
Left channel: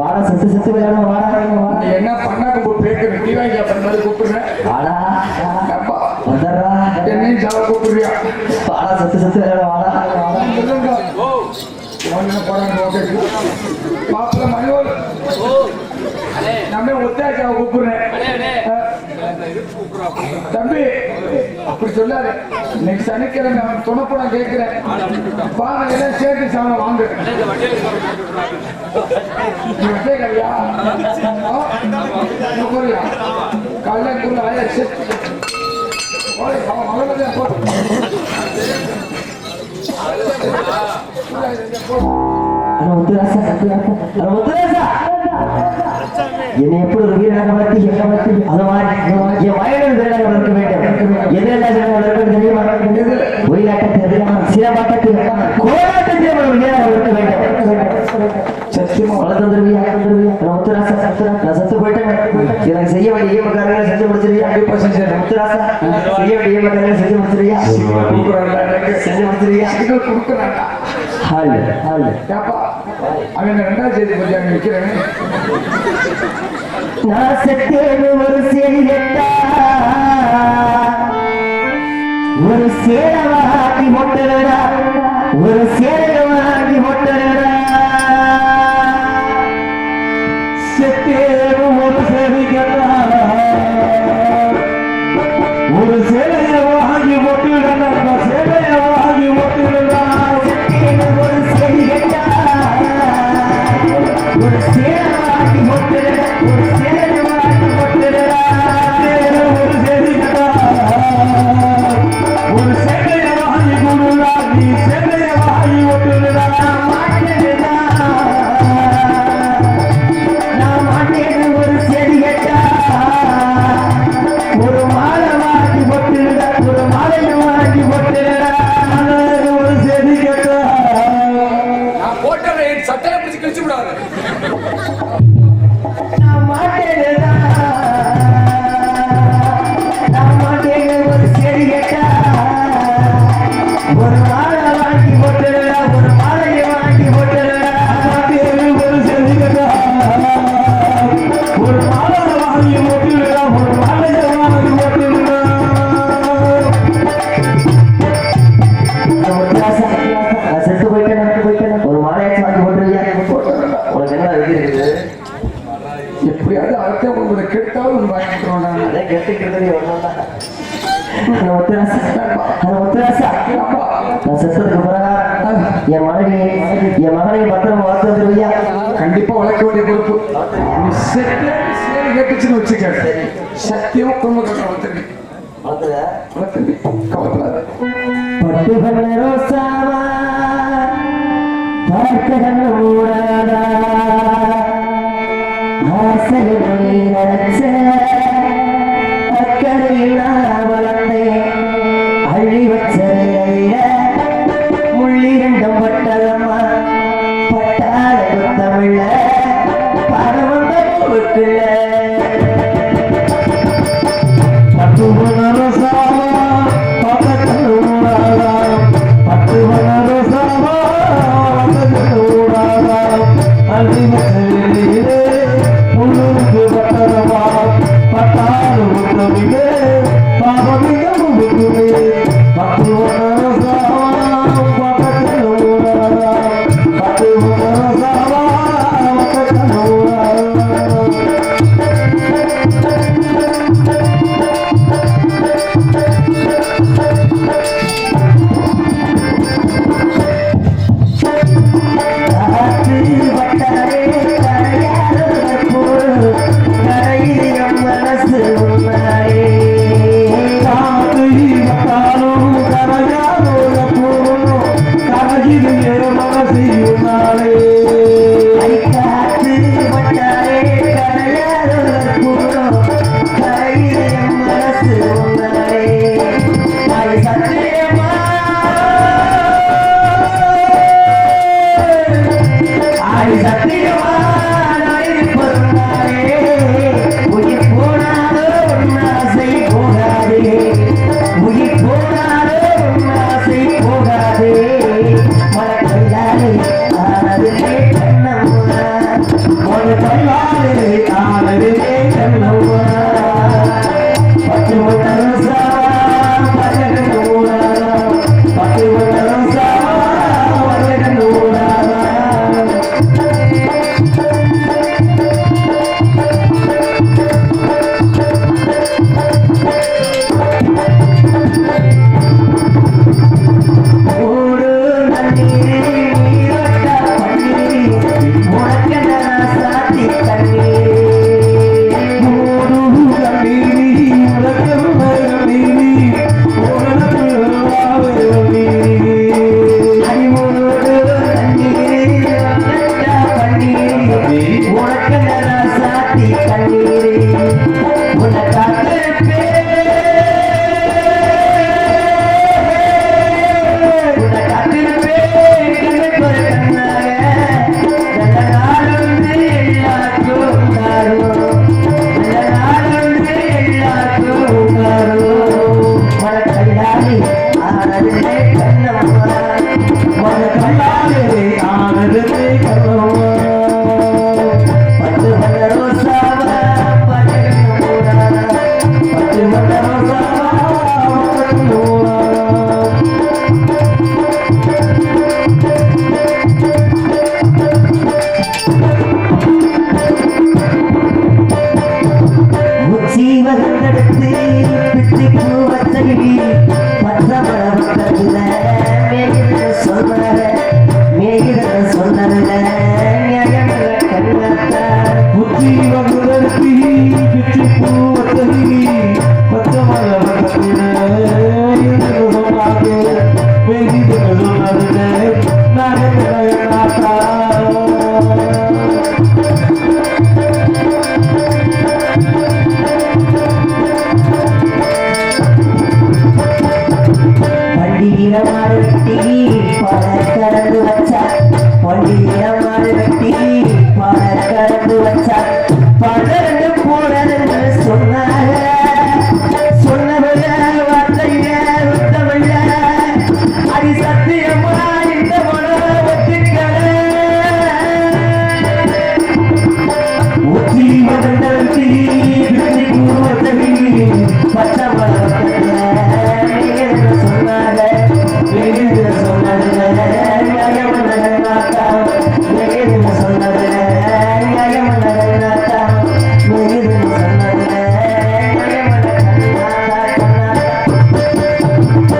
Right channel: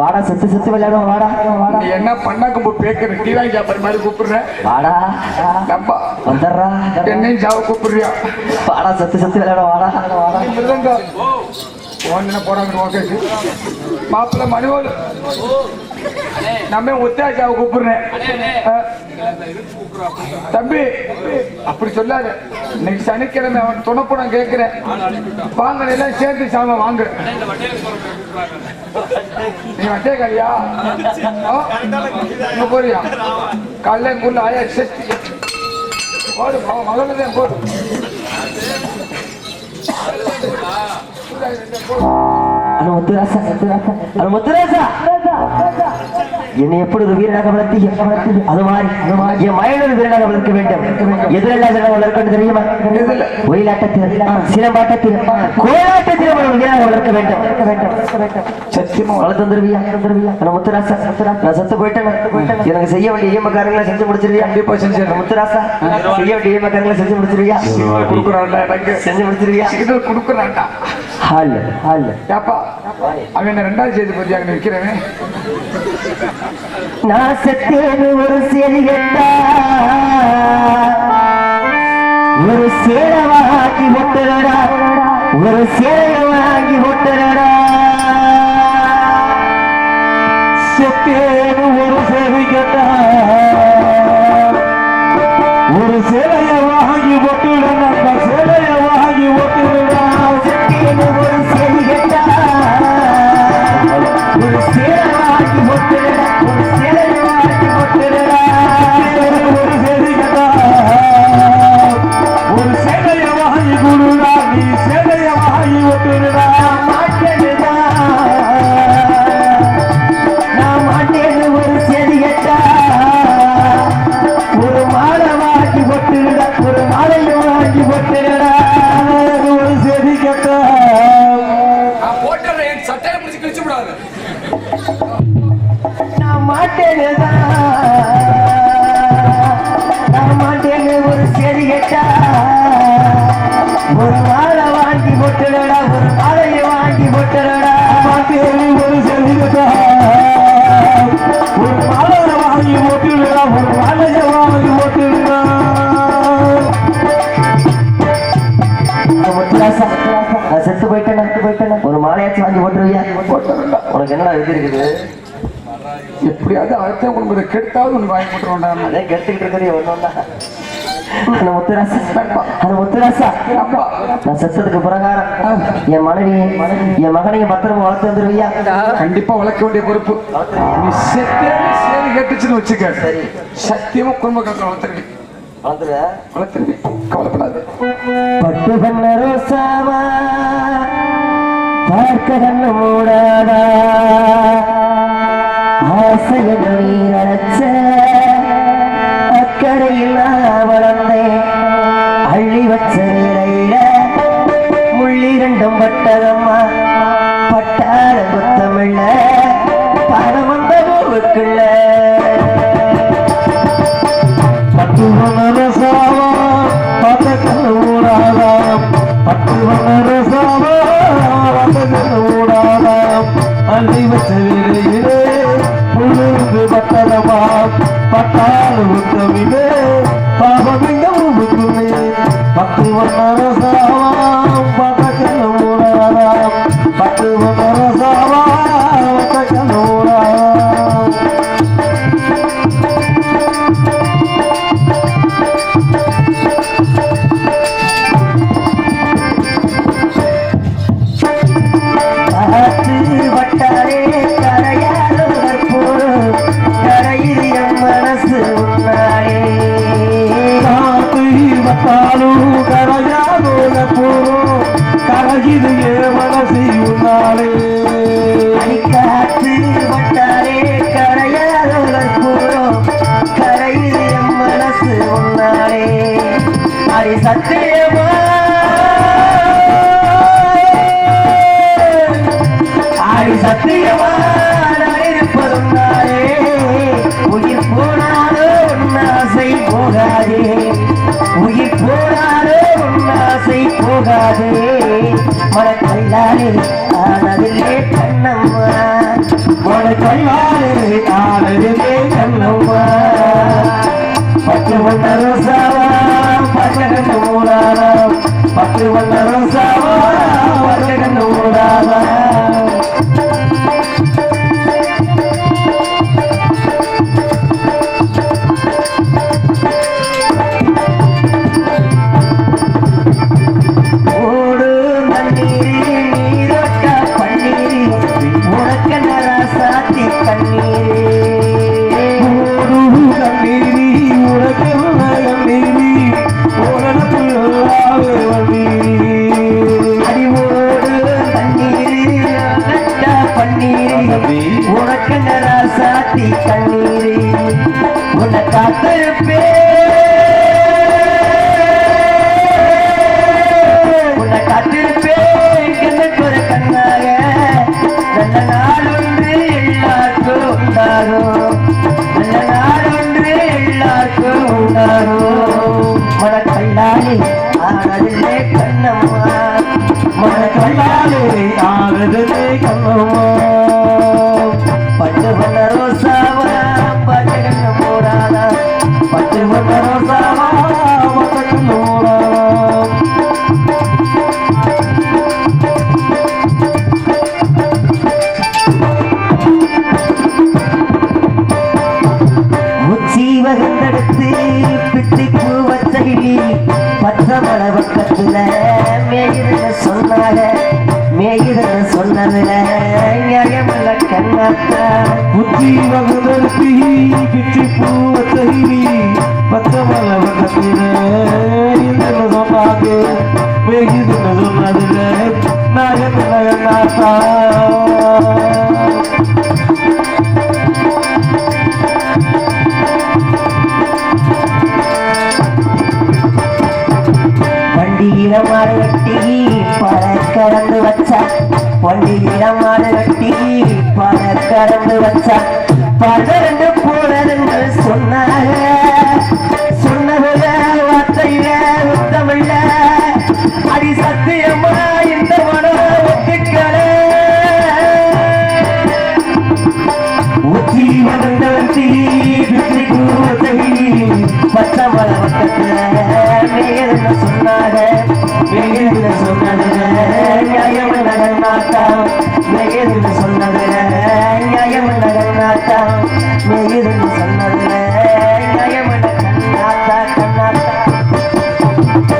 வாடா செத்து செத்து விளையாடும் வாடா நீ என்ன பண்ணா கும்பு பேக்கிற டீ வாங்கி சாப்பிட்ற மாதிரி கூப்பிடுறேன். வாடா அப்பா வந்தாரா என்னையும் சாவ கூப்பிடுறியா? வாடா செத்து செத்து விளையாடும் வாடா ஒன்னு போறாங்க ஓகே மாப்பிள்ள மணிவோல் நம்ம ஒத்தாச்சாவை கூப்பிடுறேன். தம்பி அப்படி சொல்லாத. இன்னைக்கு சனிக்கிழமை அவன் துணப்பு நான் கேட்கிறேன். வாங்க எல்லாம் சேர்த்து சாம வாங்க. நீ வச்சே கல்யா போறியா காலைல ஆயா மகளே போதும் என்னை எப்படி ஒரு வீரனாக வளர்த்தி அது மாதிரி என் மகன் வீரனாக வளர்க்க வேண்டும். எதிரெல்லாம் வளர்க்கணும் தெரியுமா? ஒயிலாட்டத்தில் சிலம்பாட்டத்தில் கோலாட்டத்தில் ஒரு வீரனாக வளர்க்க வேண்டும். சத்தியமா வளர்த்து வந்துருவியா? முத்துராசா நான் செத்து போயிட்டேன். எனக்கு செய்ய வேண்டிய ஈமக்காரங்களை செஞ்சு முடிச்சிருவியா? கண்டிப்பா செஞ்சு முத்துராசா செய்ய வேண்டிய ஈமக்காரங்களை செஞ்சு முடிச்சிருவியா? செஞ்சு முடிச்சிருவியா? கொடுக்குறான்டா ஹால் ஹால் ஏப்பா அவன் 2ஆம் தேதி பத்தி அங்க வைக்கிறவன். நான் செத்தேன்னு ஒரு சேரி கேட்டா ஒரு சேலை வாங்கி போட்டுடா ஒரு சேலை வாங்கி போட்டுடா செத்தேன்னு ஒரு சேரி கேட்டா ஒரு சேலையை வாங்கி போட்டுடா சேலையை வாங்கி போட்டுடா செத்தேன்னு ஒரு சேரி கேட்டா ஒரு சேலை வாங்கி போட்டுடா ஒரு சேலை வாங்கி போட்டுடா ஒரு சேரி கேட்டா ஒரு சேலையை வாங்கி கொடுடா நீ சேலையை வாங்கி போட்டுடா மாட்டேன்டா நான் மாட்டேன்னு ஒரு சேரி கேட்டா ஒரு மாலை வாங்கி போட்டுடா ஒரு மாலையை வாங்கி போட்டுடா ஒரு சேரி கேட்டா நான் போட்டற என் சட்டையை பிடிச்சி கிழிச்சு விடாத. நான் மாட்டேன்டா நான் மாட்டேன்னு ஒரு சேரி கேட்டா ஒரு மாலை வாங்கி போட்டுடா ஒரு மாலையை வாங்கி போட்டுடா மாட்டேன்னு ஒரு சேரி கேட்டா ஒரு மாலையை வாங்கி போட்டுடா ஒரு மாலையை வாங்கி போட்டுடா நான் செத்து போயிட்டேன் ஒரு மாலையாச்சும் வாங்கி போட்டுருவியா? உனக்கு என்னடா எழுதி இருக்குது? எப்படியாவது அடுத்த உங்களுக்கு கெட்டாலும் ஒன்று வாங்கி போட்டுருவோம்டா. அதே கெடுத்துக்கிட்டு ஒன்றும் முத்துராசா நான் செத்ததுக்கு பிரகாரம் என் மகனையும் பத்திரம் வளர்த்து வந்துருவியா? கண்டிப்பா வளர்க்க வேண்டிய பொறுப்பு. நீ செத்தேன்னு சேரி கேட்டுச்சுன்னு வச்சுக்க சத்தியமா குடும்ப கட்ட வளர்த்துருவி கவலைப்படாது. பட்டு பண்ண ரோசாவா பார்க்க கண்ண மூடாதா ஆசையில் நினைச்ச அக்கறையில் நான் வளர்ந்தேன் அள்ளி வச்ச நீரையில முள்ளிரண்டும் பட்டதம்மா பட்டார புத்தமில்ல பாடம் வந்த பூவுக்குள்ள பட்டு பண்ண ரோசாவா பார்க்க கண்ண மூடாதா பட்டு பண்ண ரோசாவா அள்ளி வச்ச நீரையிலே முள்ளிருந்து பட்டதம்மா பட்டார புத்தமில்ல பாபம் இந்த பூவுக்குள்ளே பட்டு பண்ண ரோசாவா பார்க்க கண்ண மூடாதா பட்டு பண்ண ரோசாவா பார்க்க கண்ண மூடாதா கைவாரே ஆனதே கண்ணம்மா பட்டு ஒன்றரும் சாவா பச்சகண்டு மூடாதா பட்டு ஒன்றரும் சாவா பச்சகண்டு மூடாதா பழ